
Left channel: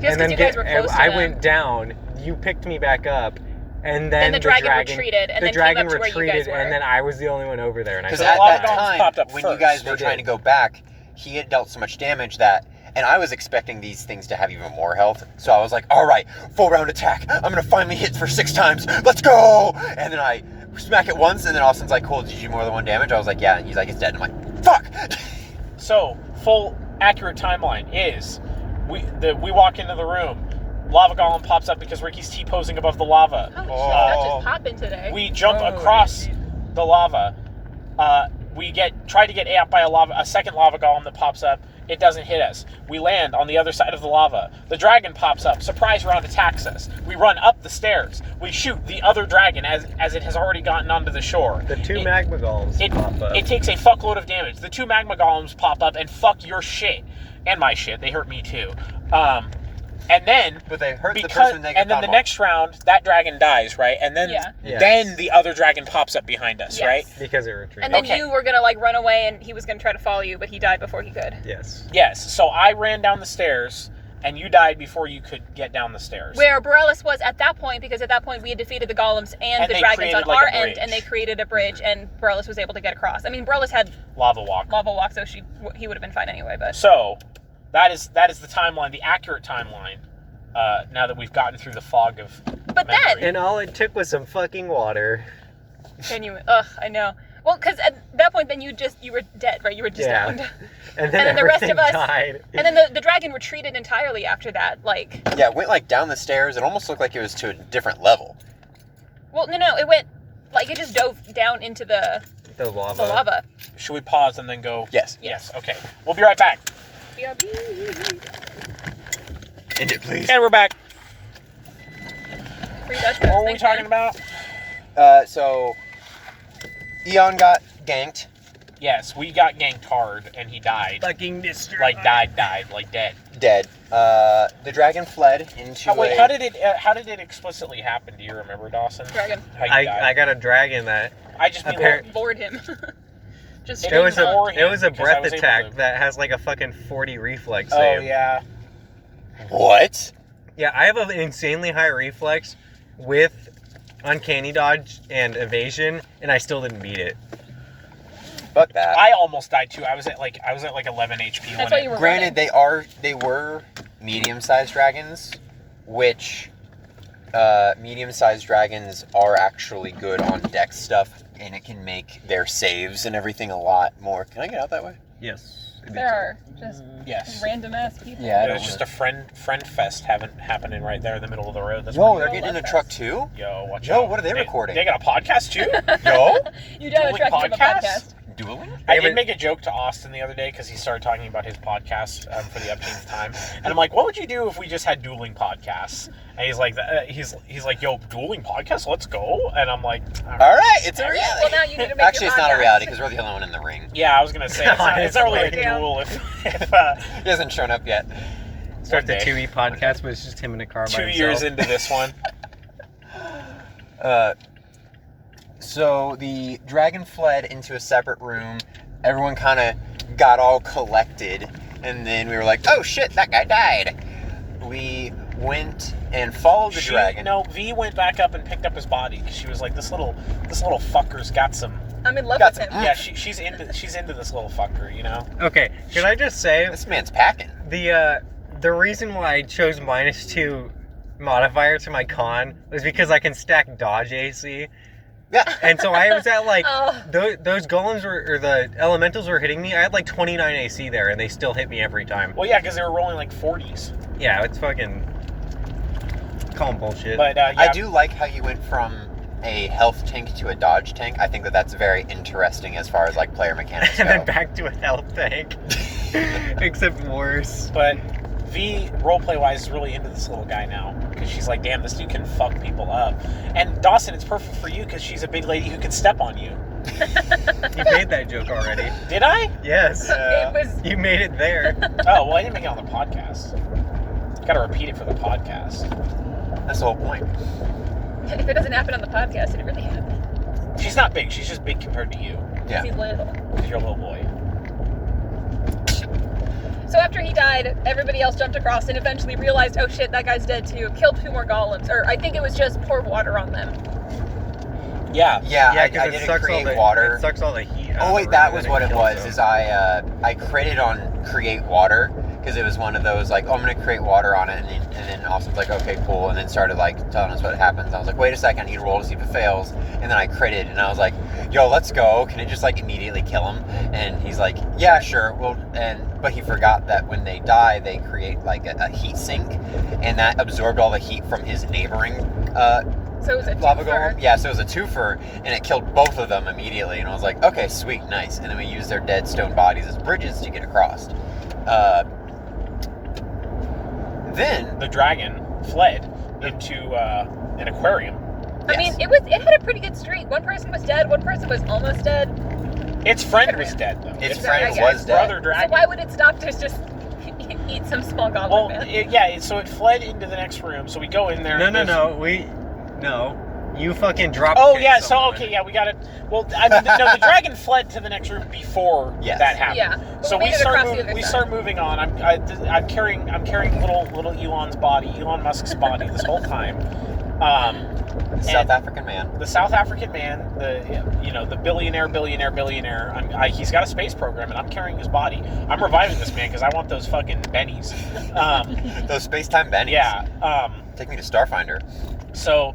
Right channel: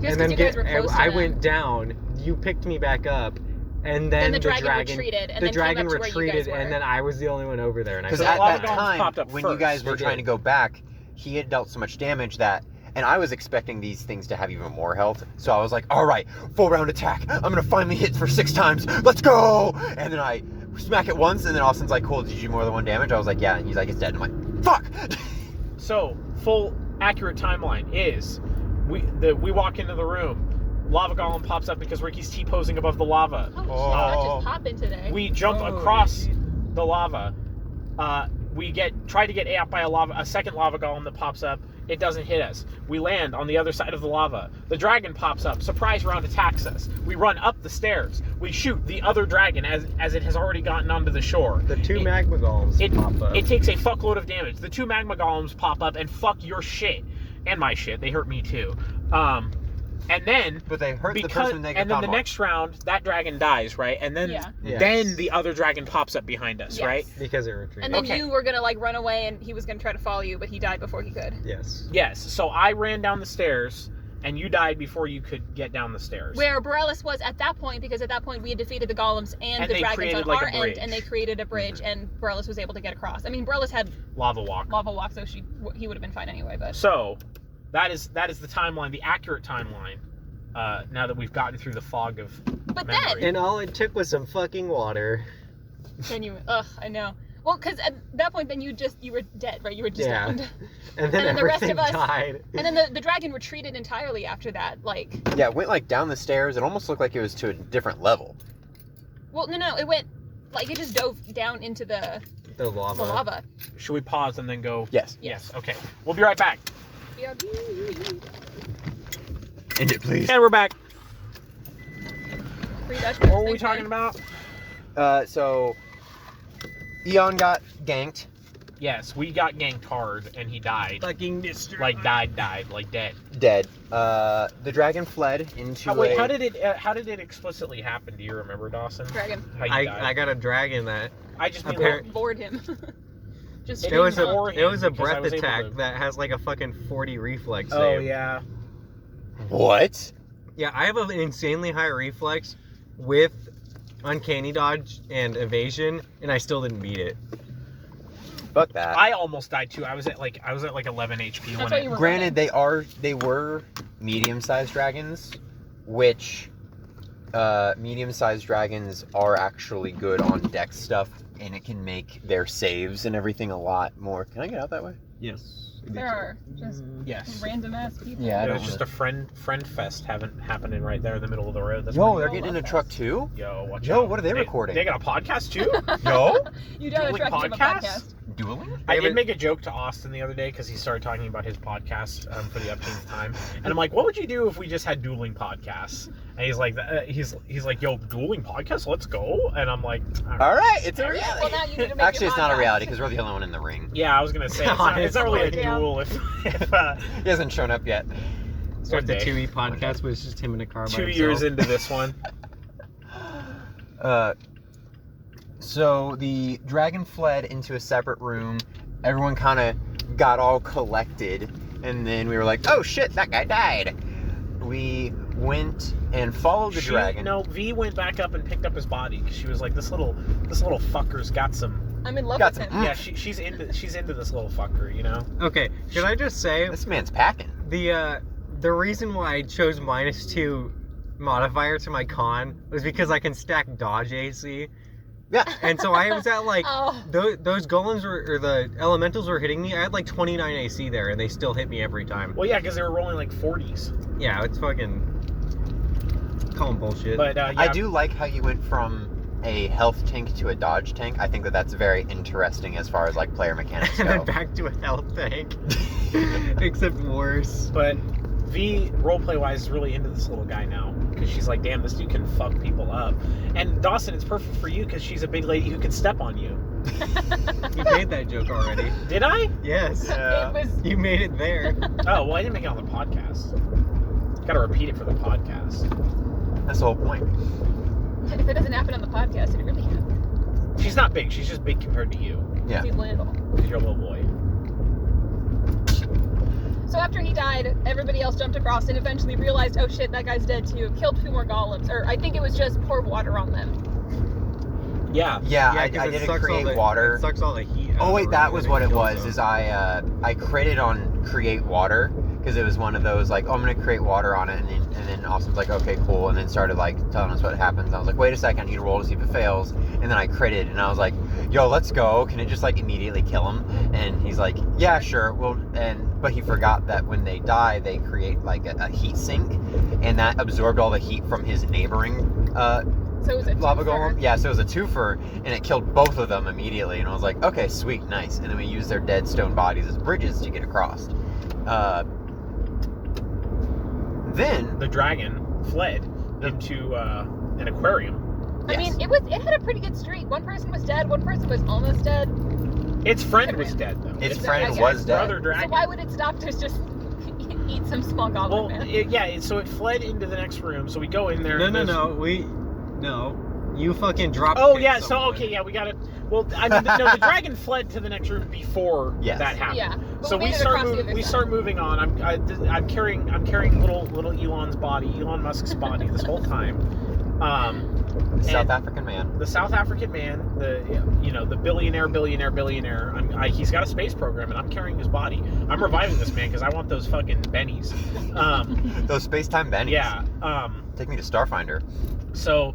Just because you guys were close to I them. went down. You picked me back up, and Then then the dragon retreated, and the then dragon came up to where you retreated, guys were. and then I was the only one over there. And I Because So at a lot of that guns time, popped up when you guys first. were They trying did. to go back, he had dealt so much damage that, and I was expecting these things to have even more health. So I was like, all right, full round attack. I'm gonna finally hit for 6 times. Let's go! And then I smack it once, and then Austin's like, cool, did you do more than 1 damage? I was like, yeah. And he's like, it's dead. And I'm like, fuck! So, full accurate timeline is we walk into the room. Lava golem pops up because Ricky's T-posing above the lava. Holy shit, that just popping today. We jump across the lava. We try to get ate up by a second lava golem that pops up. It doesn't hit us. We land on the other side of the lava. The dragon pops up. Surprise round attacks us. We run up the stairs. We shoot the other dragon as it has already gotten onto the shore. The 2 magma golems pop up. It takes a fuckload of damage. The 2 magma golems pop up and fuck your shit. And my shit. They hurt me too. And then But they hurt the person they and then the next round, that dragon dies, right? And then Yeah. Yes. then the other dragon pops up behind us, Yes. right? Because it retreated. And then Okay. you were gonna like run away, and he was gonna try to follow you, but he died before he could. Yes. Yes. So I ran down the stairs, and you died before you could get down the stairs. Where Borellus was at that point, because at that point we had defeated the golems and the they dragons created, on like, our a end, bridge. and they created a bridge, and Borellus was able to get across. I mean, Borellus had Lava walk. lava walk, so he would have been fine anyway. But So that is the timeline, the accurate timeline. Now that we've gotten through the fog of but memory. then And all it took was some fucking water. can you? I know. Well, because at that point, then you were dead, right? You were just Yeah. downed. And then, And then the rest everything of us- died. And then the dragon retreated entirely after that. Like, Yeah, it went like down the stairs. It almost looked like it was to a different level. well, no, it went like it just dove down into the The lava. lava. Should we pause and then go? Yes. Yes. Okay. We'll be right back. End it, please. And we're back. Free Dutch What Bros, were we thanks, talking man. about? So, Eon got ganked. Yes, we got ganked hard, and he died. Fucking destroyed. Like died, like dead. Dead. The dragon fled into Oh, wait, a... how did it explicitly happen? Do you remember, Dawson? Dragon How you died? I got a dragon that I just mean Appar- Bored him. Just It it was didn't straight bore up. him it was a because I breath was able attack to- that has like a fucking 40 reflex Oh save. yeah. What? Yeah, I have an insanely high reflex with uncanny dodge and evasion, and I still didn't beat it. Fuck that. I almost died too. I was at like 11 HP. That's when why it- you were Granted, they were medium-sized dragons, which medium-sized dragons are actually good on dex stuff, and it can make their saves and everything a lot more. Can I get out that way? Yes. There are just Yes. random ass people. Yeah, I There's don't just wanna- a friend fest happening right there in the middle of the road. That's Whoa, pretty they're cool. getting in a Love truck fest. too? Yo, watch Yo, out. what are they recording? They got a podcast too? Yo? You did Dueling attract him a podcast? podcast. Dueling? I Yeah, did but- make a joke to Austin the other day because he started talking about his podcast for the upteenth time, and I'm like, "What would you do if we just had dueling podcasts?" And he's like, "He's like, yo, dueling podcasts, let's go." And I'm like, All right, it's a reality. Well, now you need to make Actually, your it's not a podcast. reality because we're the only one in the ring. "Yeah, I was gonna say it's not really a Yeah. duel if He hasn't shown up yet. Start the One day. 2E podcast, but it's just him in a car by 2 himself. years into this one." So the dragon fled into a separate room. Everyone kind of got all collected, and then we were like, "Oh shit, that guy died." We went and followed the dragon. No, V went back up and picked up his body because she was like, "This little fucker's got some." I'm in love Got with some- him. Yeah, she's into this little fucker, you know. Okay, can I just say This man's packing. the reason why I chose -2 modifier to my con was because I can stack dodge AC, Yeah. and so I was at like Oh. those golems or the elementals were hitting me. I had like 29 AC there, and they still hit me every time. Well, yeah, because they were rolling like 40s. Yeah, it's fucking call 'em bullshit. But yeah, I do like how you went from a health tank to a dodge tank. I think that that's very interesting as far as like player mechanics and then go. back to a health tank, except worse. But V, roleplay wise, is really into this little guy now because she's like, damn, this dude can fuck people up. And Dawson, it's perfect for you because she's a big lady who can step on you. You made that joke already. Did I? Yes, It was. you made it there. Oh, well, I didn't make it on the podcast. Got to repeat it for the podcast. That's the whole point. If it doesn't happen on the podcast, it really happened. She's not big. She's just big compared to you Yeah. He's little. because you're a little boy. So after he died, everybody else jumped across and eventually realized, oh shit, that guy's dead too. Killed 2 more golems, or I think it was just pour water on them. Yeah. Yeah, I because it didn't sucks all create the water. It sucks all the heat. out Oh of wait, the that room was and what it kills was. them. Is I critted on create water because it was one of those like, oh, I'm gonna create water on it, and then Austin's like, okay, cool, and then started like telling us what happens. I was like, wait a second, I need to roll to see if it fails, and then I critted, and I was like, yo, let's go. Can it just like immediately kill him? And he's like, yeah, sure. Well, but he forgot that when they die, they create like a heat sink, and that absorbed all the heat from his neighboring So it was a lava twofer. golem. Yeah, so it was a twofer, and it killed both of them immediately. And I was like, okay, sweet, nice. And then we used their dead stone bodies as bridges to get across. Then The dragon fled into an aquarium. I mean, it had a pretty good streak. One person was dead, one person was almost dead. Its friend was dead, though. its Its friend dragon. was dead. brother So dragon. why would its doctors just eat some small goblin man? So it fled into the next room. So we go in there. No, and no, there's- no. You fucking dropped. Oh kicked yeah. So someone. okay, yeah, we got it. Well, I mean, the dragon fled to the next room before Yes. that happened. Yeah. But So we we made it start across the moving. other We side. start moving on. I'm carrying little Elon's body, Elon Musk's body, this whole time. South and African man. the South African man, the billionaire. He's got a space program, and I'm carrying his body. I'm reviving this man because I want those fucking bennies. Those space-time bennies. Yeah. Take me to Starfinder. So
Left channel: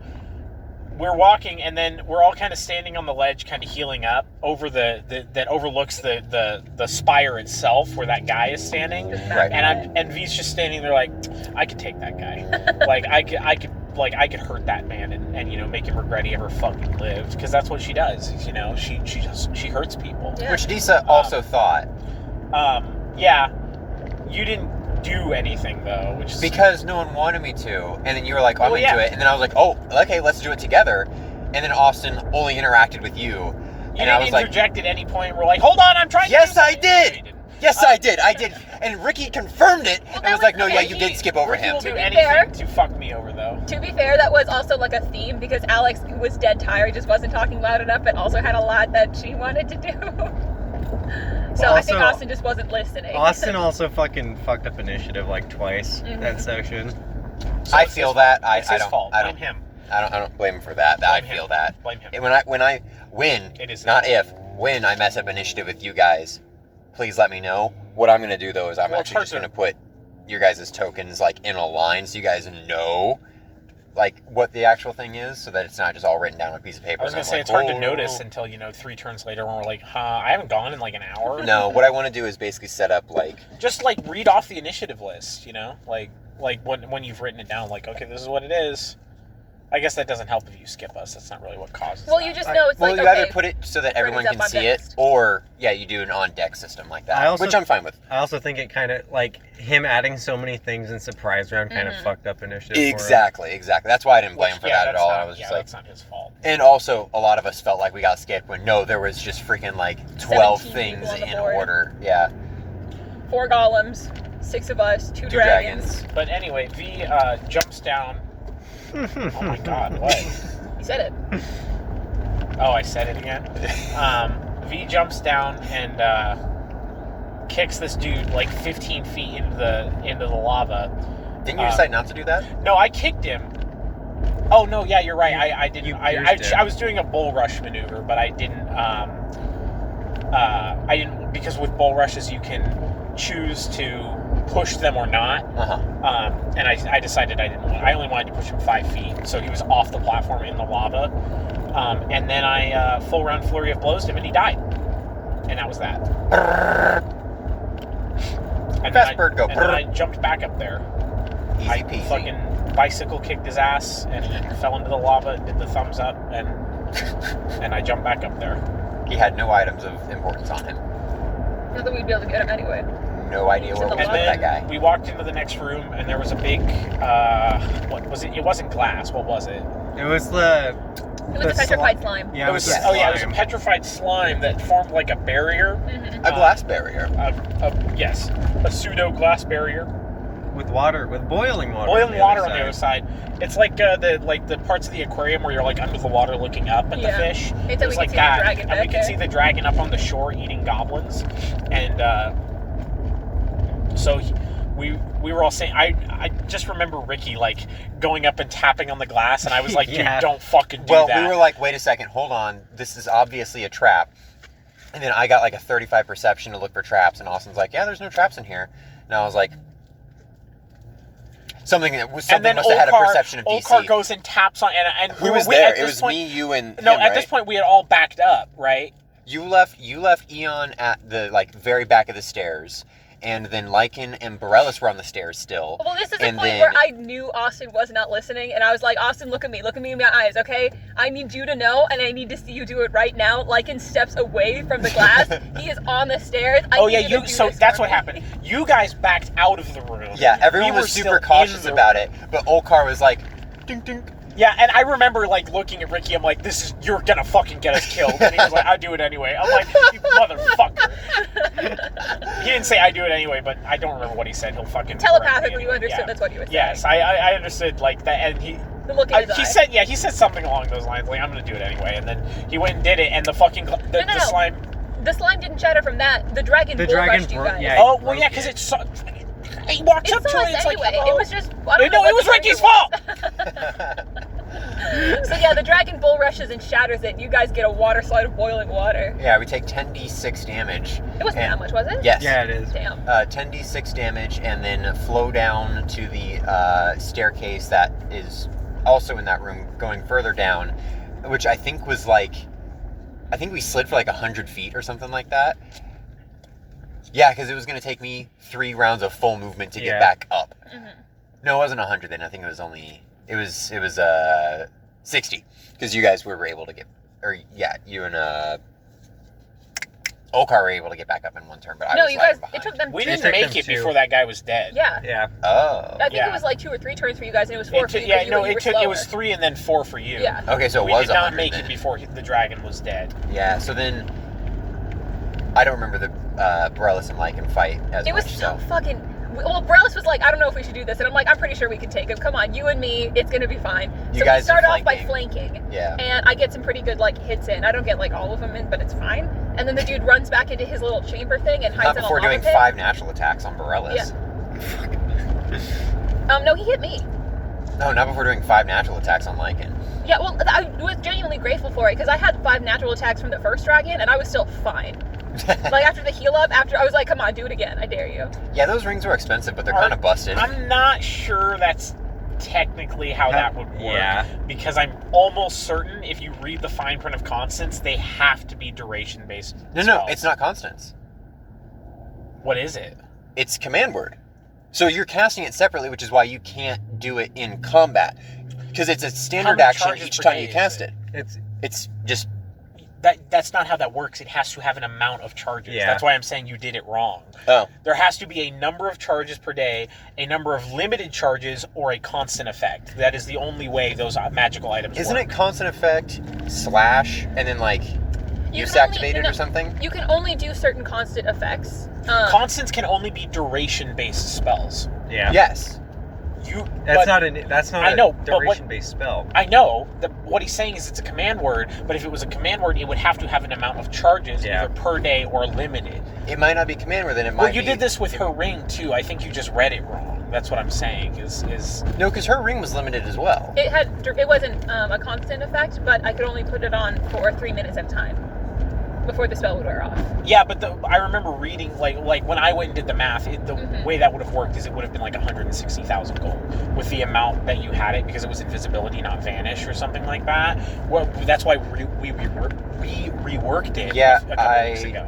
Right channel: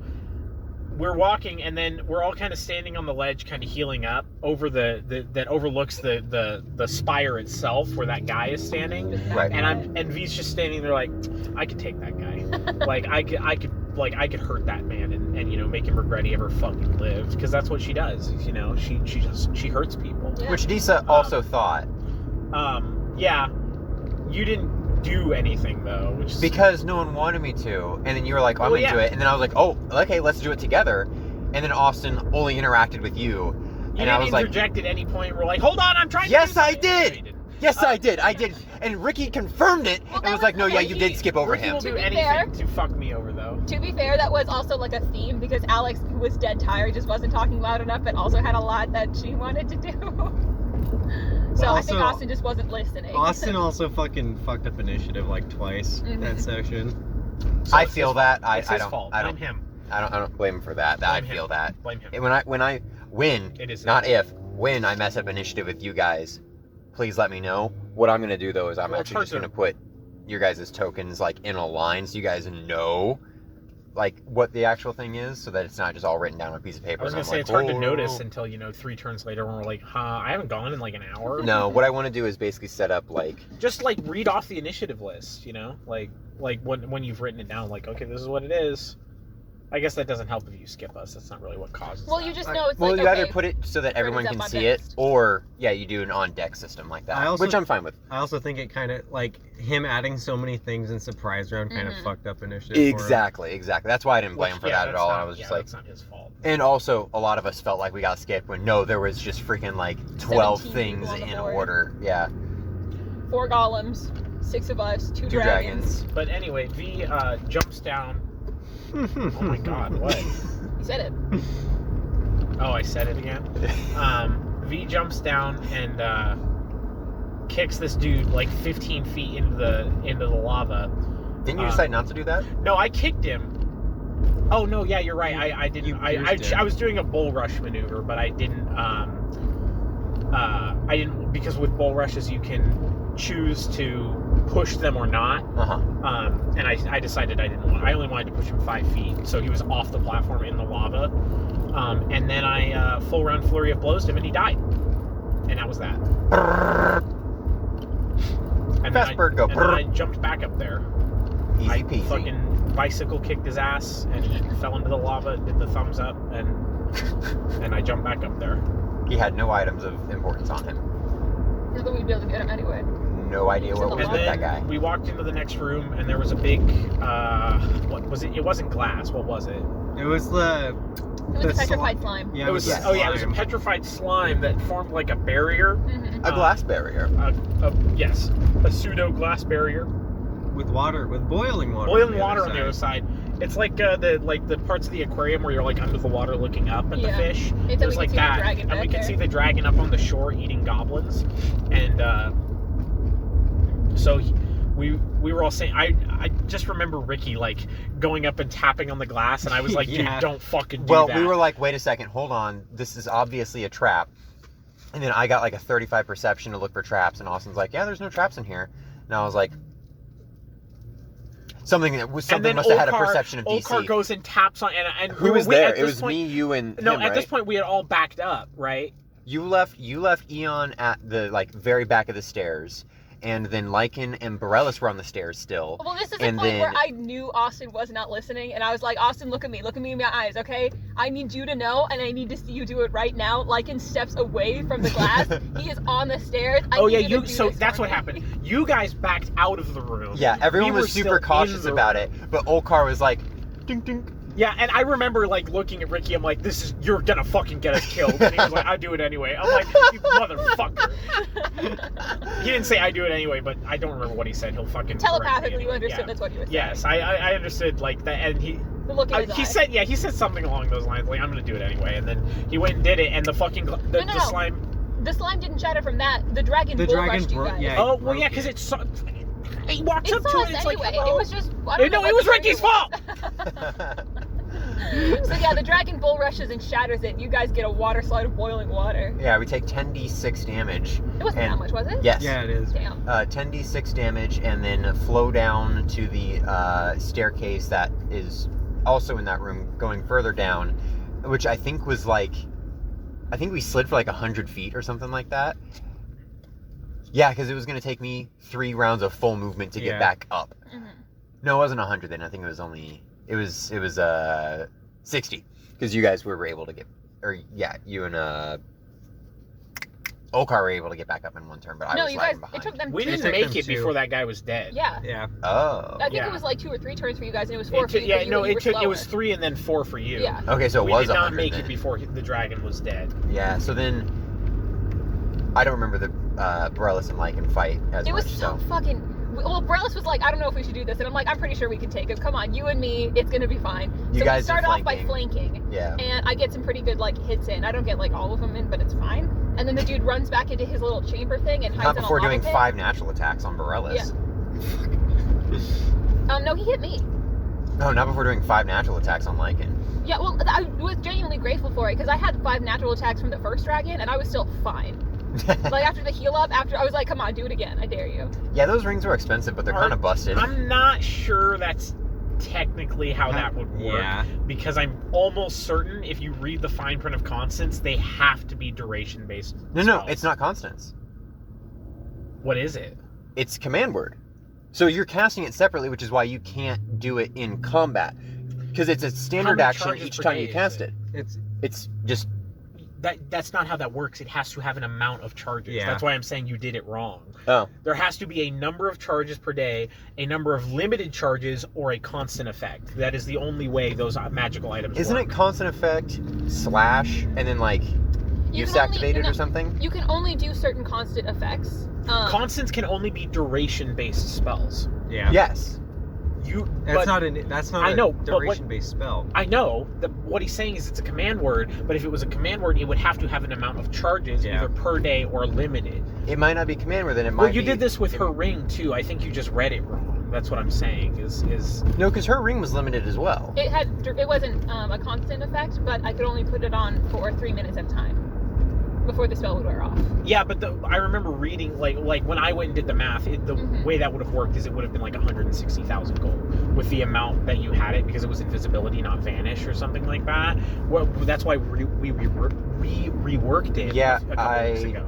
we're walking, and then we're all kind of standing on the ledge, kind of healing up over that overlooks the spire itself, where that guy is standing. Right. And V's just standing there like, I could take that guy. Like I could hurt that man and make him regret he ever fucking lived, because that's what she does. She hurts people. Yeah. Which Disa also thought. Yeah. You didn't do anything though, which is Because no one wanted me to. And then you were like, I'm Well, into yeah. it. And then I was like, oh, okay, let's do it together. And then Austin only interacted with you. you And didn't I was like, interject at any point. We're like, hold on, I'm trying. Yes, to do I something." did. No, you didn't. yes, I did. And Ricky confirmed it. Well, and that was like, was- no, yeah, okay, you Ricky- did skip over Ricky him. will do To be anything fair- to fuck me over, though. To be fair, that was also like a theme because Alex, who was dead tired, just wasn't talking loud enough, but also had a lot that she wanted to do. So Well, I think also- Austin just wasn't listening. Austin also fucking fucked up initiative like twice Mhm. that section. So I it's feel his that. fault. It's I his don't. fault. I Blame don't. him. I don't blame him for that. I Blame him. feel that. Blame him. And when It is not his if, when I mess up initiative with you guys, please let me know. What I'm gonna do though is I'm Well, it's actually hard just to- gonna put your guys' tokens like in a line so you guys know like what the actual thing is, so that it's not just all written down on a piece of paper. I was and gonna I'm say like, it's hard to "Oh." notice until 3 turns later when we're like, I haven't gone in like an hour. No, what I want to do is basically set up like Just like read off the initiative list, like when you've written it down, like, okay, this is what it is. I guess that doesn't help if you skip us. That's not really what causes. Well, that. you just know it's well, like, you okay. either put it so that turn everyone is up can on see deck it, list. or yeah, you do an on deck system like that, I also- which I'm fine with. I also think it kind of like him adding so many things in surprise round kind of Mhm. fucked up initiative. for him. Exactly. That's why I didn't blame Which, him for yeah, that at that's all. not- I was just yeah, like, that's not his fault. and also a lot of us felt like we got skipped when no, there was just freaking like 12 17 things people on the in board. order. Yeah, 4 golems, 6 of us, 2 2 dragons. But anyway, V jumps down. Oh my God, what? You said it. Oh, I said it again. V jumps down and kicks this dude like 15 feet into the lava. Didn't you decide not to do that? No, I kicked him. Oh no, yeah, you're right. I didn't. You I pierced him. was doing a bull rush maneuver, but I didn't. I didn't, because with bull rushes you can choose to push them or not. And I decided I didn't want. I only wanted to push him 5 feet, so he was off the platform in the lava. And then I full round flurry of blows him, and he died. And that was that. And Fast bird go. And then I jumped back up there. Easy I peasy. fucking bicycle kicked his ass and fell into the lava, did the thumbs up, and I jumped back up there. He had no items of importance on him. Not that we'd be able to get him anyway. No idea To where the we And put left. that then guy. we walked into the next room, and there was a big, what was it? It wasn't glass. What was it? It was the. It was a petrified slime. Yeah, It was. yeah. Oh yeah, it was a slime. petrified slime that formed like a barrier. Mm-hmm. A glass barrier. Yes, a pseudo glass barrier. with water, with boiling water. Boiling water on the other side. It's like the parts of the aquarium where you're like under the water looking up at the Yeah. fish. Until It we was can like see the that, dragon and back we could there. see the dragon up on the shore eating goblins, and so we were all saying, I just remember Ricky like going up and tapping on the glass, and I was like, Yeah. dude, don't fucking do Well, that. we were like, wait a second, hold on. This is obviously a trap. And then I got like a 35 perception to look for traps, and Austin's like, yeah, there's no traps in here. And I was like, something must have had a perception of DC. Olcar goes and taps on, and Who was there? It was me, you, and no. him, At this right? point, we had all backed up, right? You left Eon at the like very back of the stairs, and then Lycan and Borellis were on the stairs still. Well, this is the And point then- where I knew Austin was not listening, and I was like, Austin, look at me in my eyes, okay? I need you to know, and I need to see you do it right now. Lycan steps away from the glass. He is on the stairs. I Oh need yeah, you to do so this that's for what me. happened. You guys backed out of the room. Yeah, everyone We were was still super in cautious the about room. it, but Olcar was like, dink dink. Yeah, and I remember like looking at Ricky. I'm like, you're gonna fucking get us killed. And he was like, I do it anyway. I'm like, you motherfucker. He didn't say I do it anyway, but I don't remember what he said. He'll fucking correct me Telepathically, you anyway. understood Yeah. that's what he was saying. Yes, I understood like that, and he. The look in his He eye. said something along those lines, like I'm gonna do it anyway, and then he went and did it, and the fucking No. the slime. The slime didn't shatter from that. The dragon The bull dragon rushed you bro- guys. yeah. Oh well, broke yeah, because it. it saw. He walks It up to saw her, us and it's like, anyway. hello. It was just. I don't know No, what it was the Ricky's trigger was. So yeah, the dragon bull rushes and shatters it. You guys get a water slide of boiling water. Yeah, we take 10d6 damage. It wasn't And- that much, was it? Yes. Yeah, it is. Damn. 10d6 damage, and then flow down to the staircase that is also in that room, going further down, which I think was like, I think we slid for like 100 feet or something like that. Yeah, because it was going to take me 3 rounds of full movement to get Yeah. back up. Mhm. No, it wasn't 100 then. I think it was only, it was 60, because you guys were able to get, or yeah, you and Olcar were able to get back up in one turn, but I No, was you guys. lagging behind. It took them. We two didn't took turns. make them it two. before that guy was dead. Yeah. Yeah. Oh. I think Yeah. it was like 2 or 3 turns for you guys, and it was 4 It for took, you. yeah, 'cause you no, were it took. It was slower. 3 and then 4 for you. Yeah. Okay, so it We was did not 100 make then. it before the dragon was dead. Yeah, so then I don't remember the Borellis and Lycan fight as It was much. so fucking. Well, Borellis was like, I don't know if we should do this, and I'm like, I'm pretty sure we can take him. Come on, you and me, it's gonna be fine. You So guys we start are off by flanking. flanking, Yeah. and I get some pretty good like hits in. I don't get like all of them in, but it's fine. And then the dude runs back into his little chamber thing and hides Not in a before lava doing pit. 5 natural attacks on Borellis. No, he hit me. No, not before doing 5 natural attacks on Lycan. Yeah, well, I was genuinely grateful for it because I had 5 natural attacks from the first dragon, and I was still fine. Like after the heal up, after I was like, come on, do it again. I dare you. Yeah, those rings were expensive, but they're kind of busted. I'm not sure that's technically how that would work. Yeah. Because I'm almost certain if you read the fine print of constants, they have to be duration based. No, it's not constants. What is it? It's command word. So you're casting it separately, which is why you can't do it in combat. Because it's a standard many action charges each per time day you is cast it? it. It's just, That's not how that works. It has to have an amount of charges. Yeah. That's why I'm saying you did it wrong. oh. There has to be a number of charges per day, a number of limited charges, or a constant effect. That is the only way those magical items Isn't work. it constant effect, slash, and then like, You use can only- activated no, or something? You can only do certain constant effects. Constants can only be duration-based spells. Yeah. Yes. That's but- not I a know, but what- duration-based spell. I know that what he's saying is it's a command word, but if it was a command word, it would have to have an amount of charges, Yeah. either per day or limited. It might not be command word, then it might Well, you be... did this with her ring too. I think you just read it wrong. That's what I'm saying. Is No, because her ring was limited as well. It wasn't a constant effect, but I could only put it on for 3 minutes at a time before the spell would wear off. yeah, but I remember reading like when I went and did the math. The Mhm. way that would have worked is it would have been like 160,000 gold with the amount that you had it because it was invisibility, not vanish or something like that. Well, that's why we reworked it. Yeah, a couple weeks ago.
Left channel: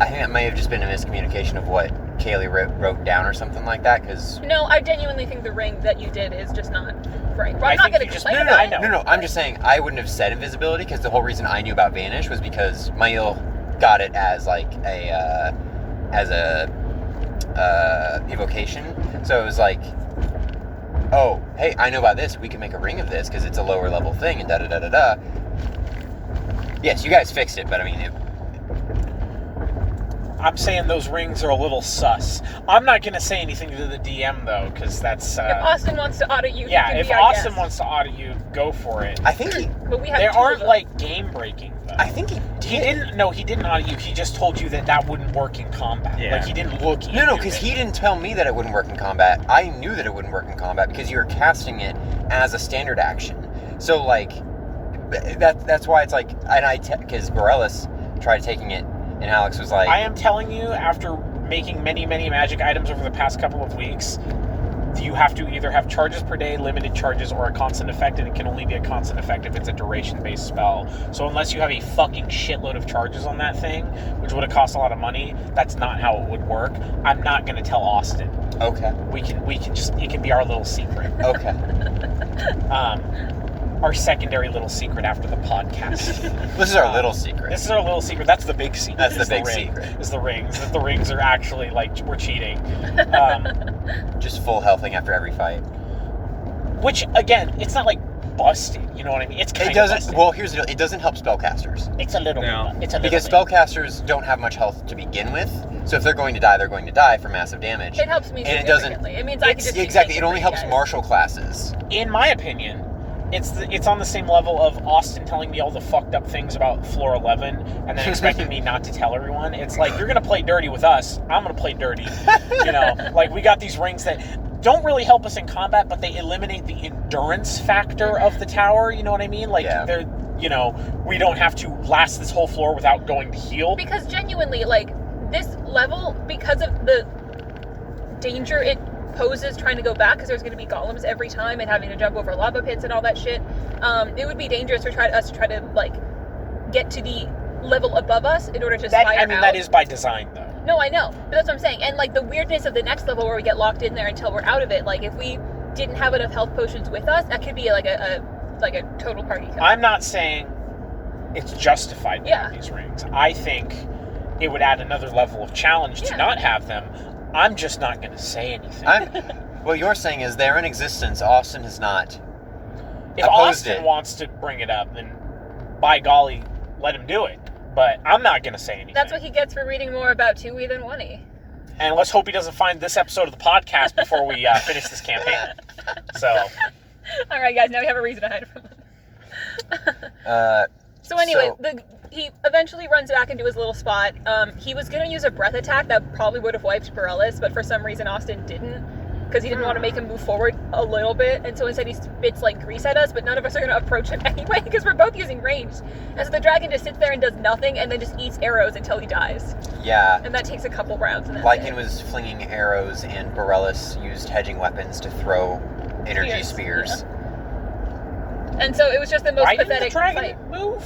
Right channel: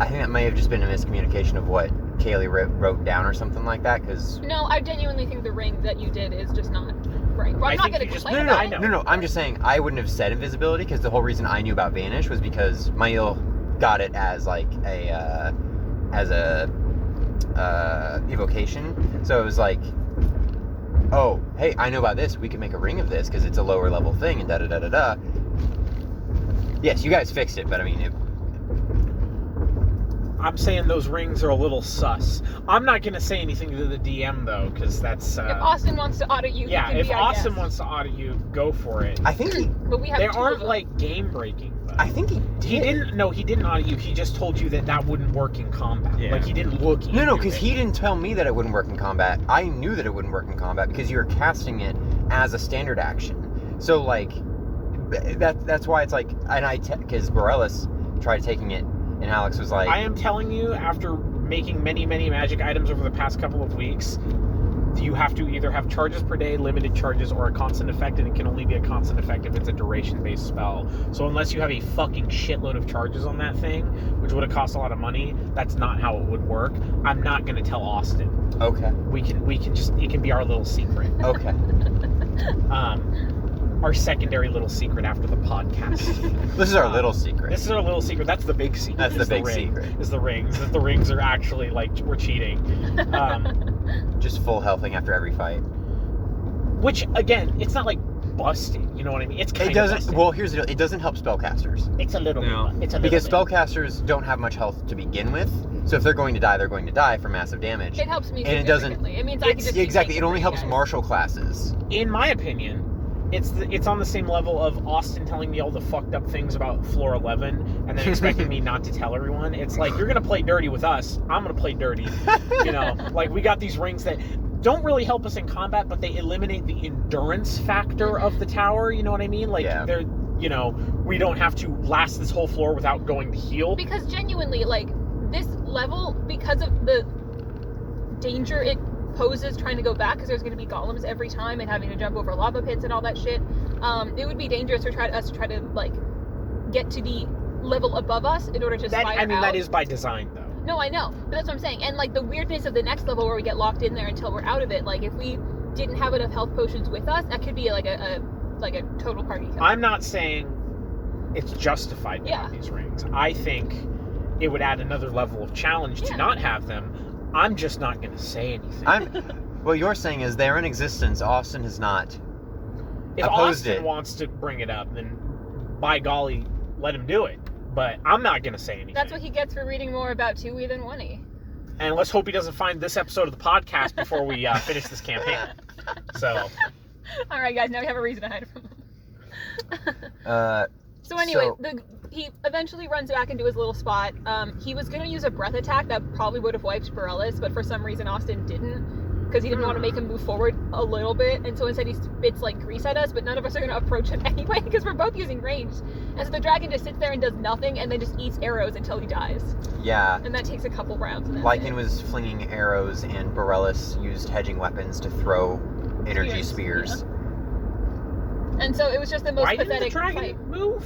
I think that may have just been a miscommunication of what Kaylee wrote down or something like that, because... No, I genuinely think the ring that you did is just not right. Well, I I'm not think going you to just- complain no, about I it. know. I'm just saying I wouldn't have said invisibility, because the whole reason I knew about Vanish was because Mail got it as like a evocation. So it was like, oh, hey, I know about this. We can make a ring of this because it's a lower level thing, and da-da-da-da-da. Yes, you guys fixed it, but I mean, I'm saying those rings are a little sus. I'm not going to say anything to the DM, though, because that's... if Austin wants to audit you, yeah, he can if be our Austin guest. wants to audit you, go for it. I think he. But we have They two aren't, of them. like, game-breaking, though. I think he did. He didn't... No, he didn't audit you. He just told you that wouldn't work in combat. Yeah. Like, he didn't look into No, because it. he didn't tell me that it wouldn't work in combat. I knew that it wouldn't work in combat because you were casting it as a standard action. So, like, that's why it's like, and because Borellis tried taking it, and Alex was like, I am telling you, after making many, many magic items over the past couple of weeks, you have to either have charges per day, limited charges, or a constant effect, and it can only be a constant effect if it's a duration-based spell. So unless you have a fucking shitload of charges on that thing, which would have cost a lot of money, that's not how it would work. I'm not going to tell Austin. okay, We can just, it can be our little secret. okay. Our secondary little secret after the podcast. This is our little secret. This is our little secret. That's the big secret. That's the Is big ring. secret. Is the rings. That the rings are actually, like, we're cheating. Just full healthing after every fight. Which, again, it's not like busted. You know what I mean? It's kind It of doesn't. busted. Well, here's the deal. It doesn't help spellcasters It's a little No. bit. It's a little because bit. spellcasters don't have much health to begin with. So if they're going to die, they're going to die for massive damage. It helps me And it doesn't- significantly. It means I can just keep Exactly. taking It only three helps guys. martial classes. In my opinion, it's on the same level of Austin telling me all the fucked up things about floor 11 and then expecting me not to tell everyone. It's like, you're gonna play dirty with us, I'm gonna play dirty. You know, like, we got these rings that don't really help us in combat, but they eliminate the endurance factor of the tower. You know what I mean? Like, Yeah. they're, you know, we don't have to last this whole floor without going to heal. Because genuinely, like, this level, because of the danger it poses trying to go back, because there's going to be golems every time and having to jump over lava pits and all that shit, it would be dangerous for us to try to, like, get to the level above us in order to spire out. That is by design, though. No, I know, but that's what I'm saying. And, like, the weirdness of the next level where we get locked in there until we're out of it, like, if we didn't have enough health potions with us, that could be like a total party kill. I'm not saying it's justified to Yeah. have these rings. I think it would add another level of challenge to Yeah. not have them. I'm just not going to say anything. What you're saying is they're in existence. Austin has not. If opposed Austin it. wants to bring it up, then by golly, let him do it. But I'm not going to say anything. That's what he gets for reading more about 2E than 1E. And let's hope he doesn't find this episode of the podcast before we finish this campaign. So, All right, guys, now we have a reason to hide from him. So anyway, he eventually runs back into his little spot. He was going to use a breath attack that probably would have wiped Borellis, but for some reason Austin didn't, because he didn't want to make him move forward a little bit, and so instead he spits, like, grease at us, but none of us are going to approach him anyway, because we're both using ranged. And so the dragon just sits there and does nothing, and then just eats arrows until he dies. Yeah. And that takes a couple rounds, and that's Lycan it. was flinging arrows, and Borellis used hedging weapons to throw energy spears. And so it was just the most why didn't the pathetic dragon fight. move?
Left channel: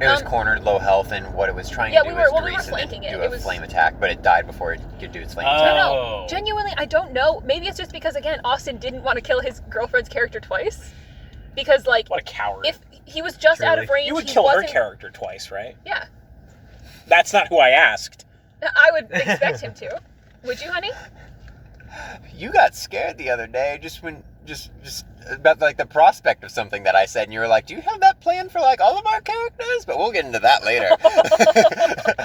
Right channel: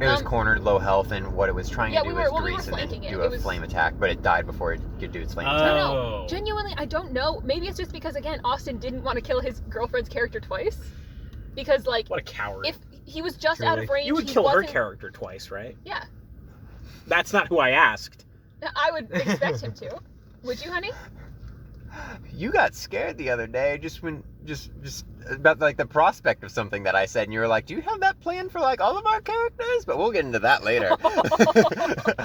It was cornered, low health, and what it was trying Yeah, to do we were was grease and flanking then it. do It a was- flame attack, but it died before it could do its flame Oh. attack. No, genuinely, I don't know. Maybe it's just because, again, Austin didn't want to kill his girlfriend's character twice. Because, like, What a coward. if he was just out of Truly. range, You would he kill her wasn't... character twice, right? Yeah, That's not who I asked. I would expect him to. Would you, honey? You got scared the other day just about, like, the prospect of something that I said, and you were like, do you have that plan for, like, all of our characters? But we'll get into that later.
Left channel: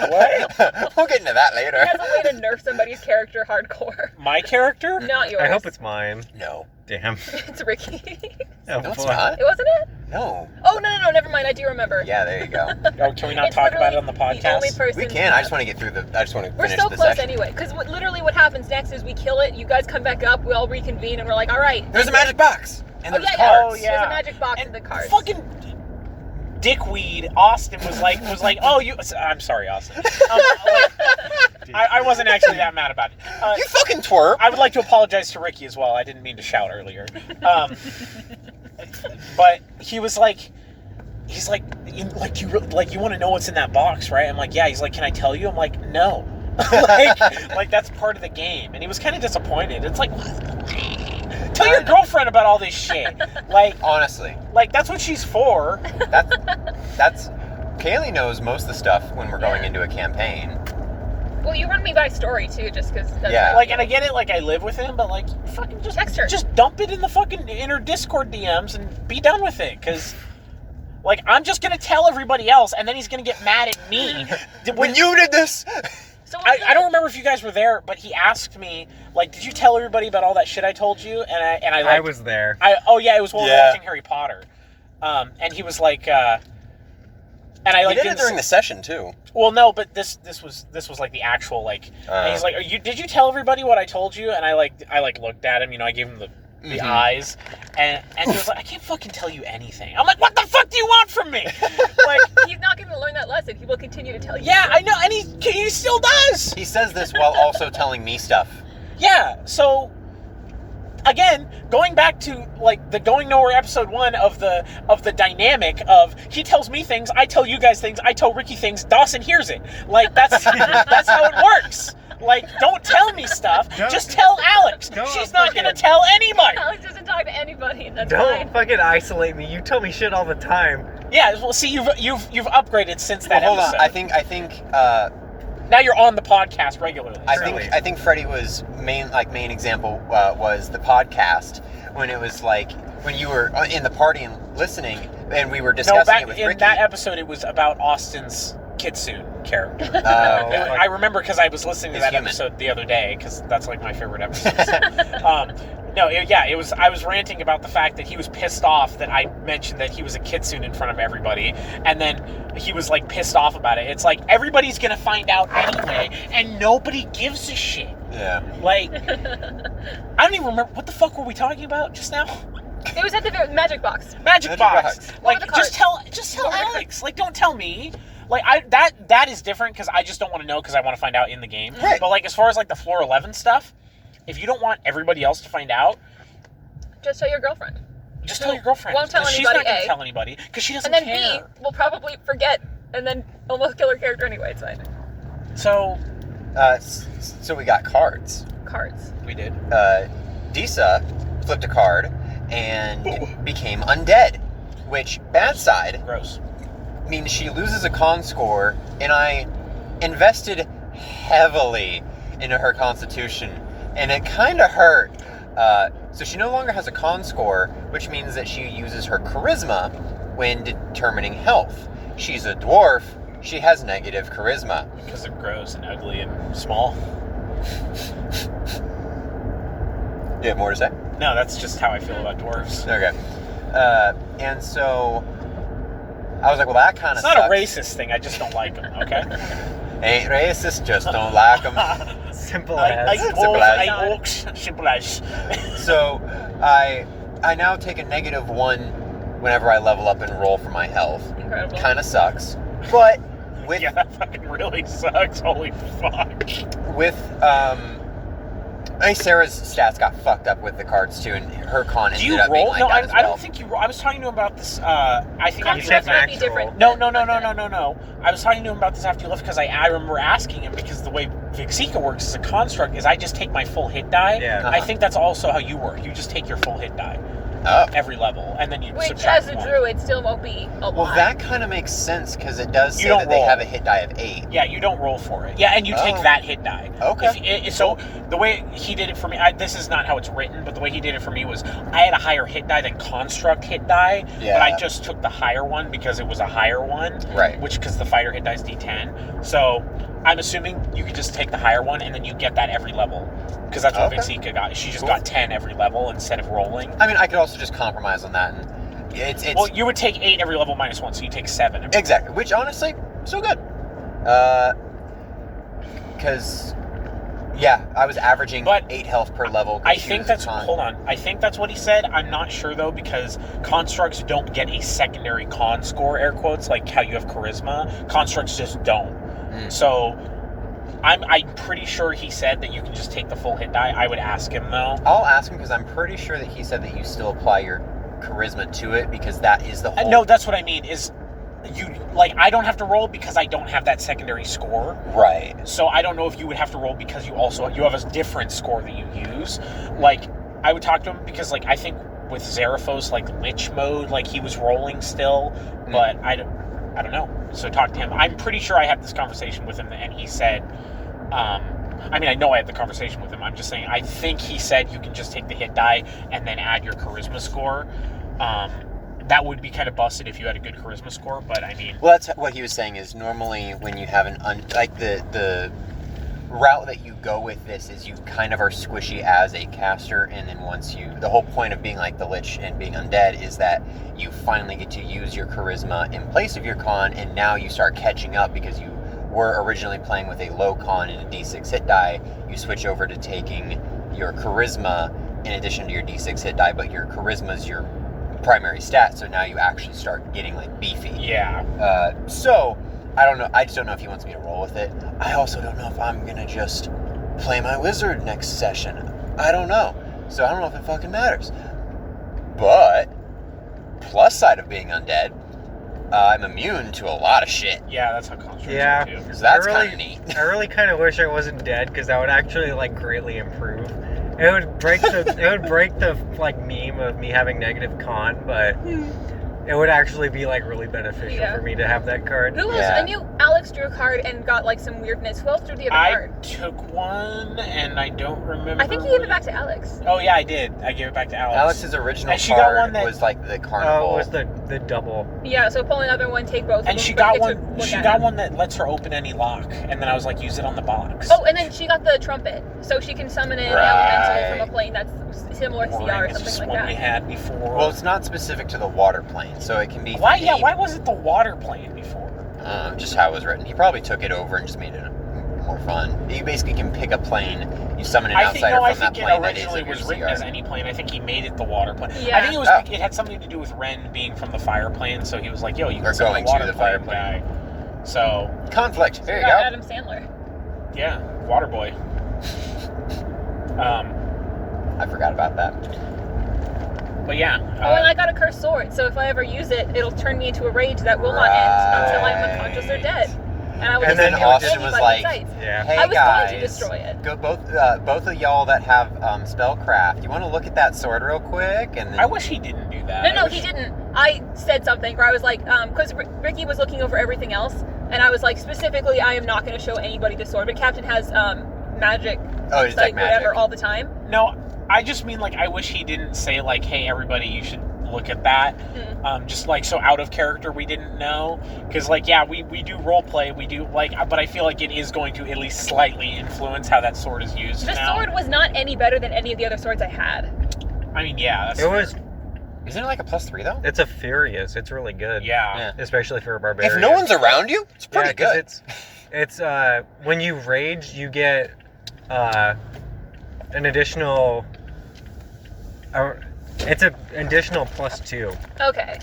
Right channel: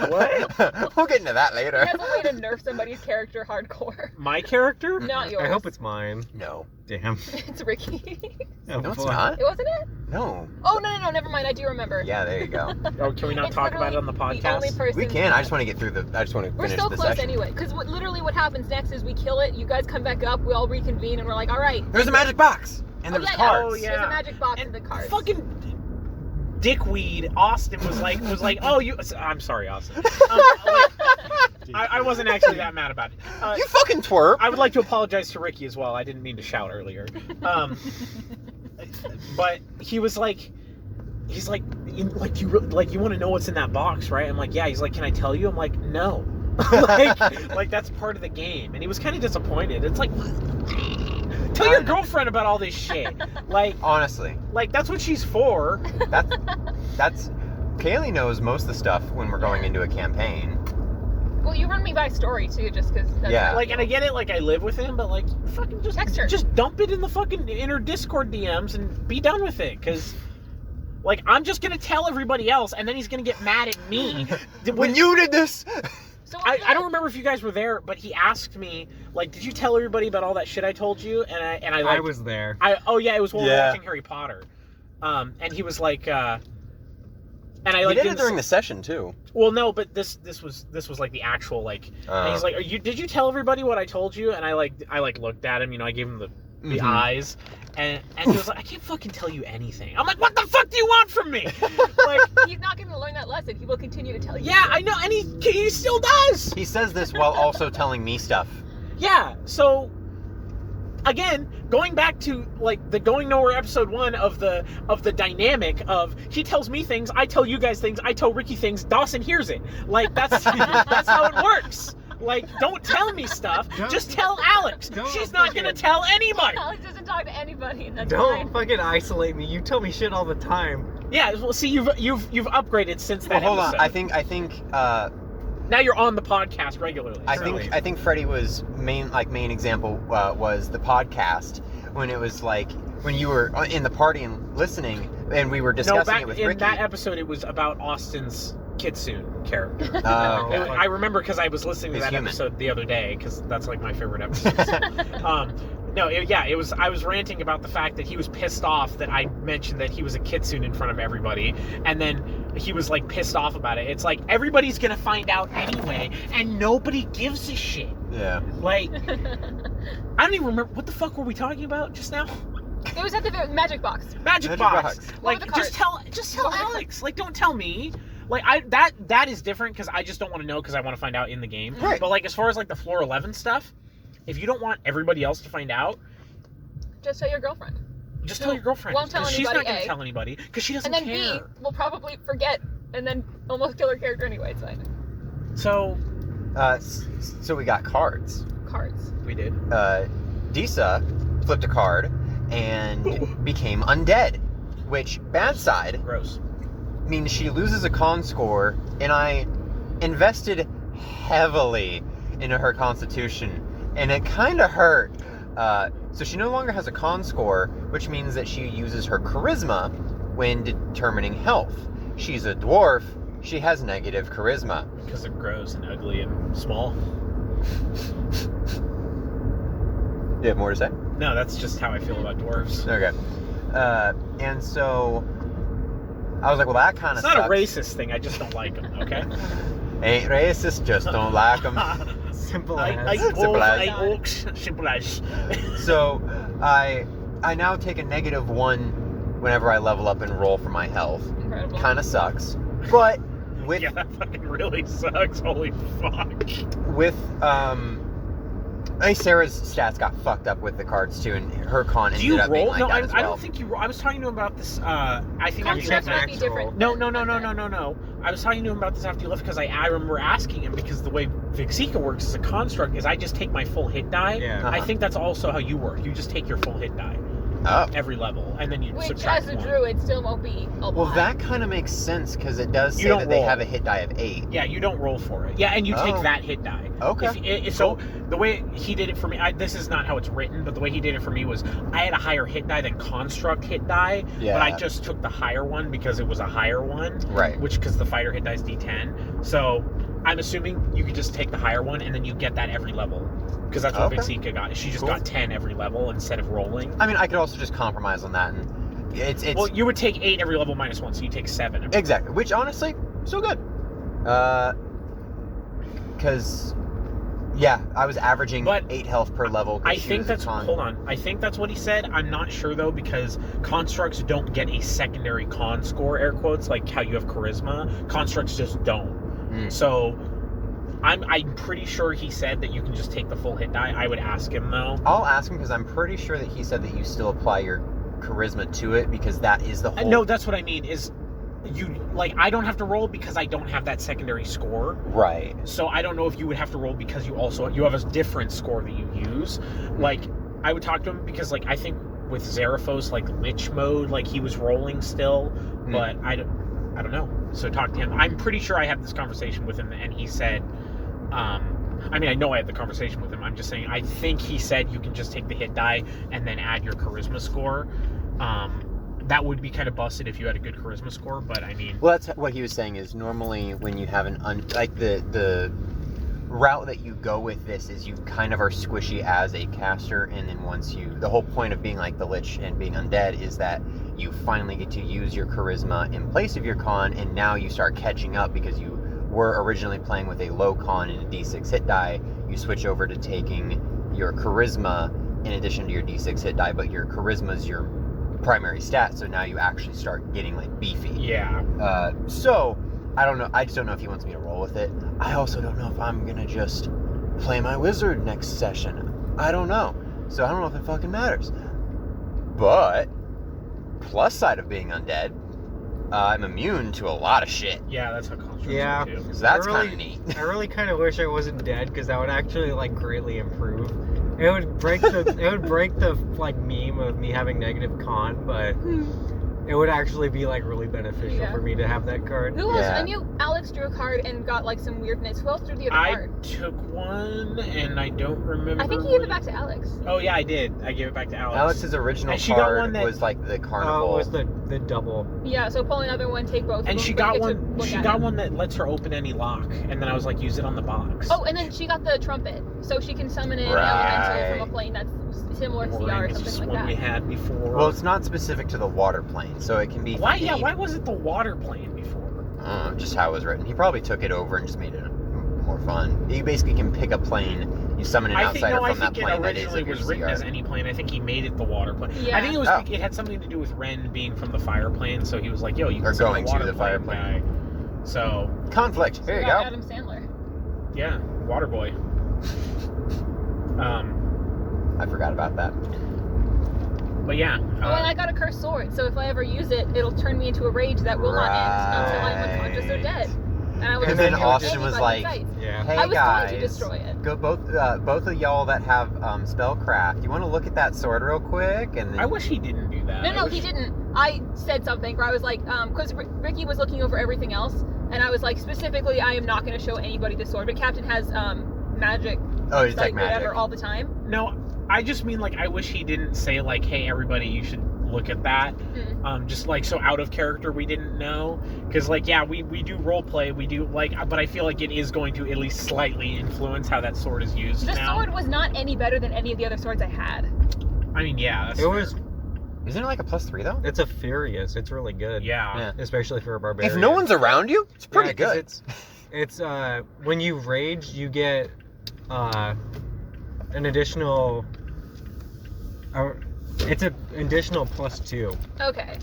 What? We'll get into that He later. has a way to nerf somebody's character hardcore. My character? Not yours. I hope it's mine. No. Damn. It's Ricky. Oh, No, it's boy. not. It wasn't it? No. Oh, no, never mind. I do remember. Yeah, there you go. Oh, can we not It's talk about it on the literally the only podcast? person... We can. I just want to get through I just want to We're finish so the close session. anyway, because literally what happens next is we kill it, you guys come back up, we all reconvene, and we're like, all right. There's a magic box. And Oh, there's yeah, cards. Oh, yeah. There's a magic box And in the cards. fucking dickweed Austin was like, oh, you. I'm sorry, Austin. I wasn't actually that mad about it. You fucking twerp. I would like to apologize to Ricky as well. I didn't mean to shout earlier. But he was like, he's like, you want to know what's in that box, right? I'm like, yeah. He's like, can I tell you? I'm like, no. like that's part of the game. And he was kind of disappointed. It's like, what? Tell your girlfriend about all this shit. Like, Honestly, that's what she's for. that's Kaylee knows most of the stuff when we're going into a campaign. Well, you run me by story, too, just because... Yeah. Like, and I get it, like, I live with him, but, like, fucking Text her. just dump it in the fucking inner Discord DMs and be done with it, because, like, I'm just gonna tell everybody else, and then he's gonna get mad at me. When you did this, So I don't remember if you guys were there, but he asked me, like, did you tell everybody about all that shit I told you? And I like, I was there. oh yeah, it was when we were Yeah. watching Harry Potter. And he was like, and I He like did it didn't during the session too. Well, no, but this was like the actual like. And he's like, did you tell everybody what I told you? And I looked at him, you know, I gave him the eyes, and he was like, I can't fucking tell you anything. I'm like, what the fuck do you want from me? Like, he's not going to learn that lesson. He will continue to tell you. yeah, I know, and he still does. He says this while also telling me stuff. Yeah, so again, going back to like the Going Nowhere episode 1 of the dynamic of he tells me things, I tell you guys things, I tell Ricky things, Dawson hears it. Like that's that's how it works. Like, don't tell me stuff. Just tell Alex. She's not gonna tell anybody. Alex doesn't talk to anybody, and that's Don't fine. fucking isolate me. You tell me shit all the time. Yeah, well, see, you've upgraded since that Well, hold episode. on. I think Now you're on the podcast regularly. I think Freddie was main example was the podcast when it was like when you were in the party and listening and we were discussing No, back it with in Ricky. that episode, it was about Austin's Kitsune character. Okay. I remember because I was listening to He's that human. episode the other day because that's like my favorite episode. It was. I was ranting about the fact that he was pissed off that I mentioned that he was a kitsune in front of everybody, and then he was like pissed off about it. It's like everybody's gonna find out anyway, and nobody gives a shit. Yeah. Like, I don't even remember what the fuck were we talking about just now. It was at the magic box. Magic box. What Like, were the just tell Alex. Like, don't tell me. Like, that is different because I just don't want to know because I want to find out in the game. Right. But like, as far as like the floor 11 stuff, if you don't want everybody else to find out, Just tell your girlfriend. just tell your girlfriend. Won't tell 'Cause anybody, She's not going A. to tell anybody because she doesn't And then care. B will probably forget and then almost kill her character anyway. It's fine. So So we got cards. Cards. we did. Disa flipped a card and became undead, which bad side Gross. means she loses a con score, and I invested heavily into her constitution, and it kind of hurt. So she no longer has a con score, which means that she uses her charisma when determining health. She's a dwarf. She has negative charisma. Because they're gross and ugly and small. You have more to say? No, that's just how I feel about dwarves. Okay. And so I was like, well, that kind of It's not a racist thing. I just don't like them. Okay. Ain't racist, just don't like them. Simple I as. Simple as. orcs. Simple as. So I now take a -1 whenever I level up and roll for my health. Incredible. Kind of sucks, but with Yeah, that fucking really sucks. Holy fuck. with Sarah's stats got fucked up with the cards too, and her con Do ended you up being roll? like No, that I as well. don't think you roll. I was talking to him about this. I think Con after you strength left. might be different. No. I was talking to him about this after you left because I remember asking him because the way Vixika works as a construct is I just take my full hit die. Yeah. I think that's also how you work. You just take your full hit die Oh. every level, and then you Which, subtract as a one. druid, still won't be a lot. Well, that kind of makes sense because it does You say don't that they roll. have a hit die of 8. Yeah, you don't roll for it. Yeah, and you take Oh. that hit die. Okay. So the way he did it for me, this is not how it's written, but the way he did it for me was I had a higher hit die than construct hit die, Yeah. but I just took the higher one because it was a higher one, Right. which because the fighter hit die is D10. So I'm assuming you could just take the higher one and then you get that every level because that's what Okay. Vixika got. She just Cool. got 10 every level instead of rolling. I mean, I could also just compromise on that, and it's Well, you would take 8 every level minus 1, so you take 7. exactly. Which honestly, so good. Because yeah, I was averaging But 8 health per level. 'cause I she think was that's con. hold on. I think that's what he said. I'm not sure though because constructs don't get a secondary con score, air quotes, like how you have charisma. Constructs just don't. Mm. So I'm pretty sure he said that you can just take the full hit die. I would ask him though. I'll ask him because I'm pretty sure that he said that you still apply your charisma to it because that is the whole. No, that's what I mean. Is you like I don't have to roll because I don't have that secondary score. Right. So I don't know if you would have to roll because you have a different score that you use. Like I would talk to him because like I think with Zeraphos like Lich mode like he was rolling still, but I don't know. So talk to him. I'm pretty sure I had this conversation with him and he said I mean I know I had the conversation with him. I'm just saying I think he said you can just take the hit die and then add your charisma score. That would be kind of busted if you had a good charisma score, but I mean Well, that's what he was saying is normally when you have an like the route that you go with this is you kind of are squishy as a caster, and then the whole point of being like the Lich and being undead is that you finally get to use your charisma in place of your con, and now you start catching up because you were originally playing with a low con and a d6 hit die. You switch over to taking your charisma in addition to your d6 hit die, but your charisma is your primary stat, so now you actually start getting like beefy. Yeah. So I don't know. I just don't know if he wants me to roll with it. I also don't know if I'm gonna just play my wizard next session. I don't know. So I don't know if it fucking matters. But plus side of being undead, I'm immune to a lot of shit. Yeah, that's how constructs Yeah. work too. So that's I really- kind of neat. I really kind of wish I wasn't dead, because that would actually like greatly improve. It would break the like meme of me having negative con, but it would actually be like really beneficial Yeah. for me to have that card. Who else? Yeah. I knew Alex drew a card and got like some weirdness. Who else drew the other I card? took one, and I don't remember. I think he gave it back to Alex. Oh yeah, I did. I gave it back to Alex. Alex's original And she got card one that- was like the Oh, carnival. it was the double. Yeah, so pull another one, take both of And them, she but you got get to one. look She at got them. one that lets her open any lock, and then I was like, use it on the box. Oh, and then she got the trumpet, so she can summon an elemental from a plane that's similar to CR or It's just something one we like that. had before. Well, it's not specific to the water plane, so it can be. why? Yeah, any- why was it the water plane before? Just how it was written. He probably took it over and just made it more fun. You basically can pick a plane, you summon an I outsider think no. from I that think it plane that is originally of your was written CR. as any plane. I think he made it the water plane. Yeah. I think it was. Oh. It had something to do with Ren being from the fire plane, so he was like, "Yo, you Or can summon going the to water the fire plane guy." So Conflict. Here We you got go. Adam Sandler. yeah, water boy. I forgot about that. But yeah. Oh, and I got a cursed sword, so if I ever use it, it'll turn me into a rage that will not end until I'm unconscious or dead. And I will And just then kill Austin was anybody like, in sight. Yeah. Hey I was guys, going to destroy it. Go both of y'all that have spellcraft. You want to look at that sword real quick? And then I wish he didn't do that. No, I no, wish- he didn't. I said something where I was like, because Ricky was looking over everything else, and I was like, specifically, I am not going to show anybody the sword, but Captain has magic, oh, detect like magic. whatever, all the time. No, I just mean like I wish he didn't say like, "Hey, everybody, you should look at that." Just like so out of character, we didn't know because like yeah, we do role play, we do like, but I feel like it is going to at least slightly influence how that sword is used. The now. sword was not any better than any of the other swords I had. I mean, yeah, that's It was. Isn't it like a +3 though? It's a furious. It's really good. yeah. Yeah. Especially for a barbarian. If no one's around you, it's pretty Yeah, 'cause good. It's when you rage, you get an additional. It's an additional +2, Okay,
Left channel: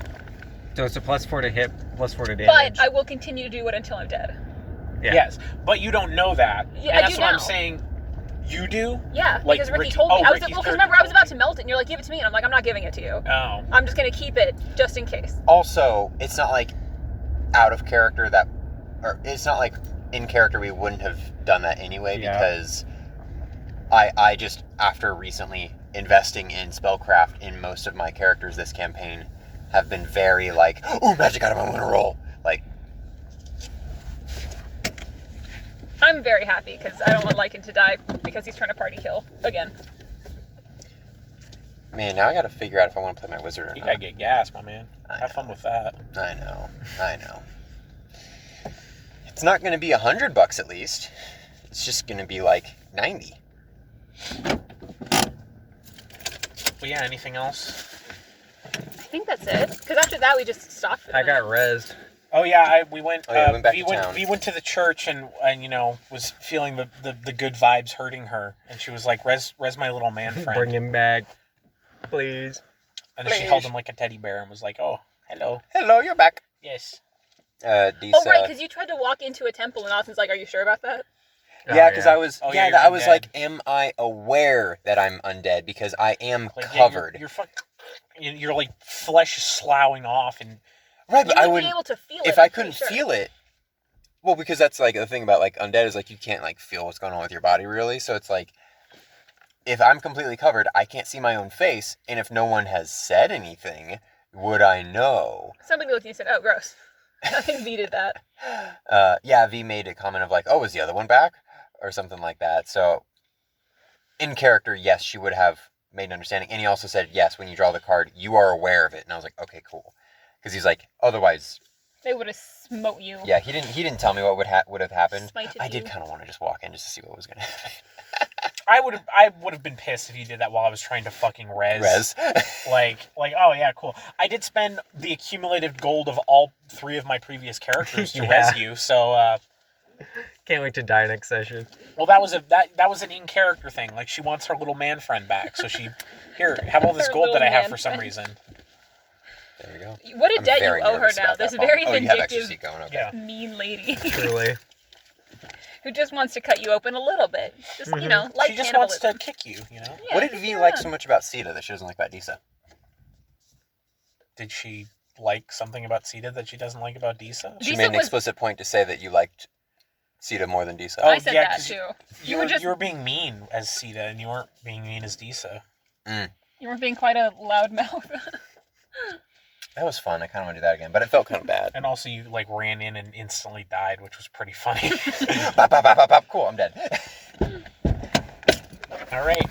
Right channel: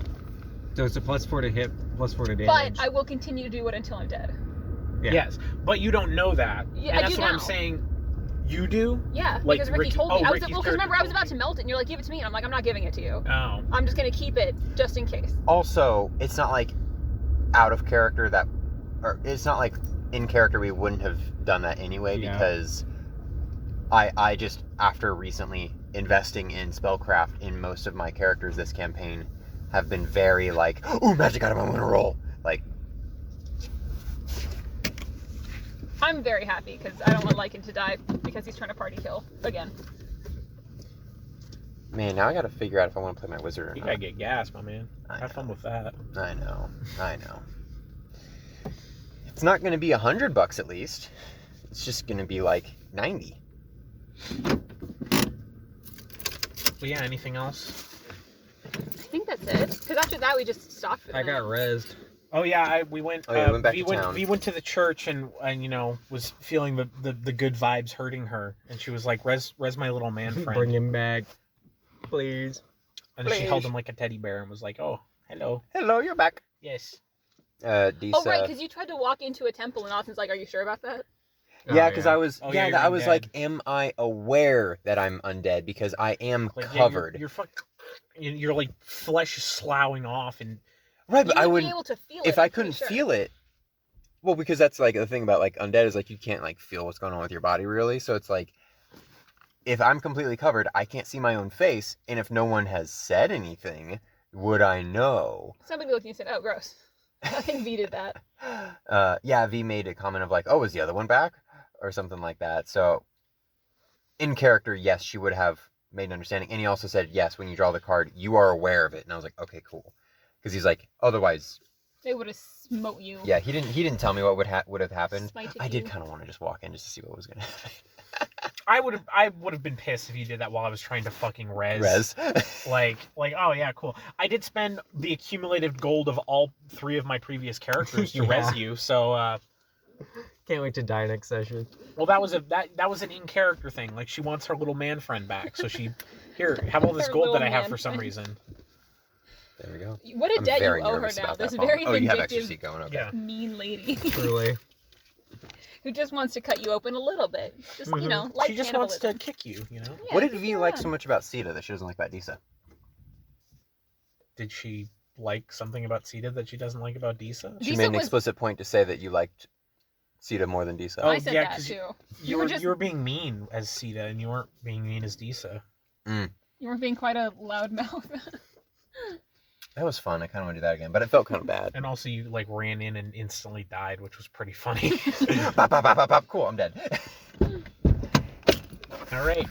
so it's a +4 to hit, +4 to but damage. I will continue to do it until I'm dead. Yeah. Yes, but you don't know that. Yeah, and I that's do what I'm now. saying. You do? Yeah, Like because Ricky Ricky- told me. oh, I was Ricky's because character remember I was told about to melt it, and you're like, give it to me, and I'm like, I'm not giving it to you. Oh. I'm just gonna keep it just in case. Also, it's not like out of character that, or it's not like in character we wouldn't have done that anyway Yeah. because I just after recently investing in spellcraft in most of my characters this campaign have been very like, ooh, magic item, I'm gonna roll. Like, I'm very happy because I don't want Lycan to die because he's trying to party kill again. man, now I gotta figure out if I want to play my wizard or You not. gotta get gas, my man. I Have know. fun with that. I know. It's not gonna be $100 at least. It's just gonna be like 90. But yeah, anything else? I think that's it. Because after that we just stopped. For the I got night. rezzed. Oh yeah, we went. Oh, yeah, we went back we to went. town. We went to the church and you know was feeling the good vibes hurting her, and she was like, "Res my little man friend," Bring him back, please. and then she held him like a teddy bear and was like, "Oh, hello, Hello, you're back. yes." Disa. Oh right, because you tried to walk into a temple and Austin's like, "Are you sure about that?" Yeah, because I was. Oh, yeah, yeah, I you're was undead. like, am I aware that I'm undead? Because I am Like, yeah, covered. you're like flesh is sloughing off, and Right, but You I would would. be able to feel it. If I'm I pretty couldn't sure. feel it. Well, because that's like the thing about like undead is like you can't like feel what's going on with your body really. So it's like, if I'm completely covered, I can't see my own face, and if no one has said anything, would I know? Somebody looked at you and said, "Oh, gross." I think V did that. Yeah, V made a comment of like, "Oh, was the other one back?" or something like that. So, in character, yes, she would have made an understanding, and he also said, "Yes, when you draw the card, you are aware of it." And I was like, "Okay, cool," because he's like, "Otherwise, They would have smote you. Yeah, he didn't tell me what would have happened. Smited I did you. kind of want to just walk in just to see what was gonna happen. I would have been pissed if you did that while I was trying to fucking res. Like, oh yeah, cool. I did spend the accumulated gold of all 3 of my previous characters to res you, so Can't wait to die next session. well, that was an in-character thing. Like, she wants her little man friend back, so she here have all this Her gold that little I have man for some friend. reason. There you go. What a I'm debt you very owe her nervous now. about This that phone. very Oh, you have extra vindictive, seat going. Okay. Yeah. mean lady Truly. who just wants to cut you open a little bit. Just, you know, like She just wants cannibalism. to kick you, you know? Yeah, What did kick V you like around. so much about Sita that she doesn't like about Disa? Did she like something about Sita that she doesn't like about Disa? She Disa made an was- explicit point to say that you liked Sita more than Disa. Oh, I said yeah, that 'cause too. You were were just you were being mean as Sita, and you weren't being mean as Disa. you were being quite a loud mouth. That was fun. I kind of want to do that again, but it felt kind of bad. And also, you like ran in and instantly died, which was pretty funny. Bop, bop, bop, bop, bop. Cool, I'm dead. All right.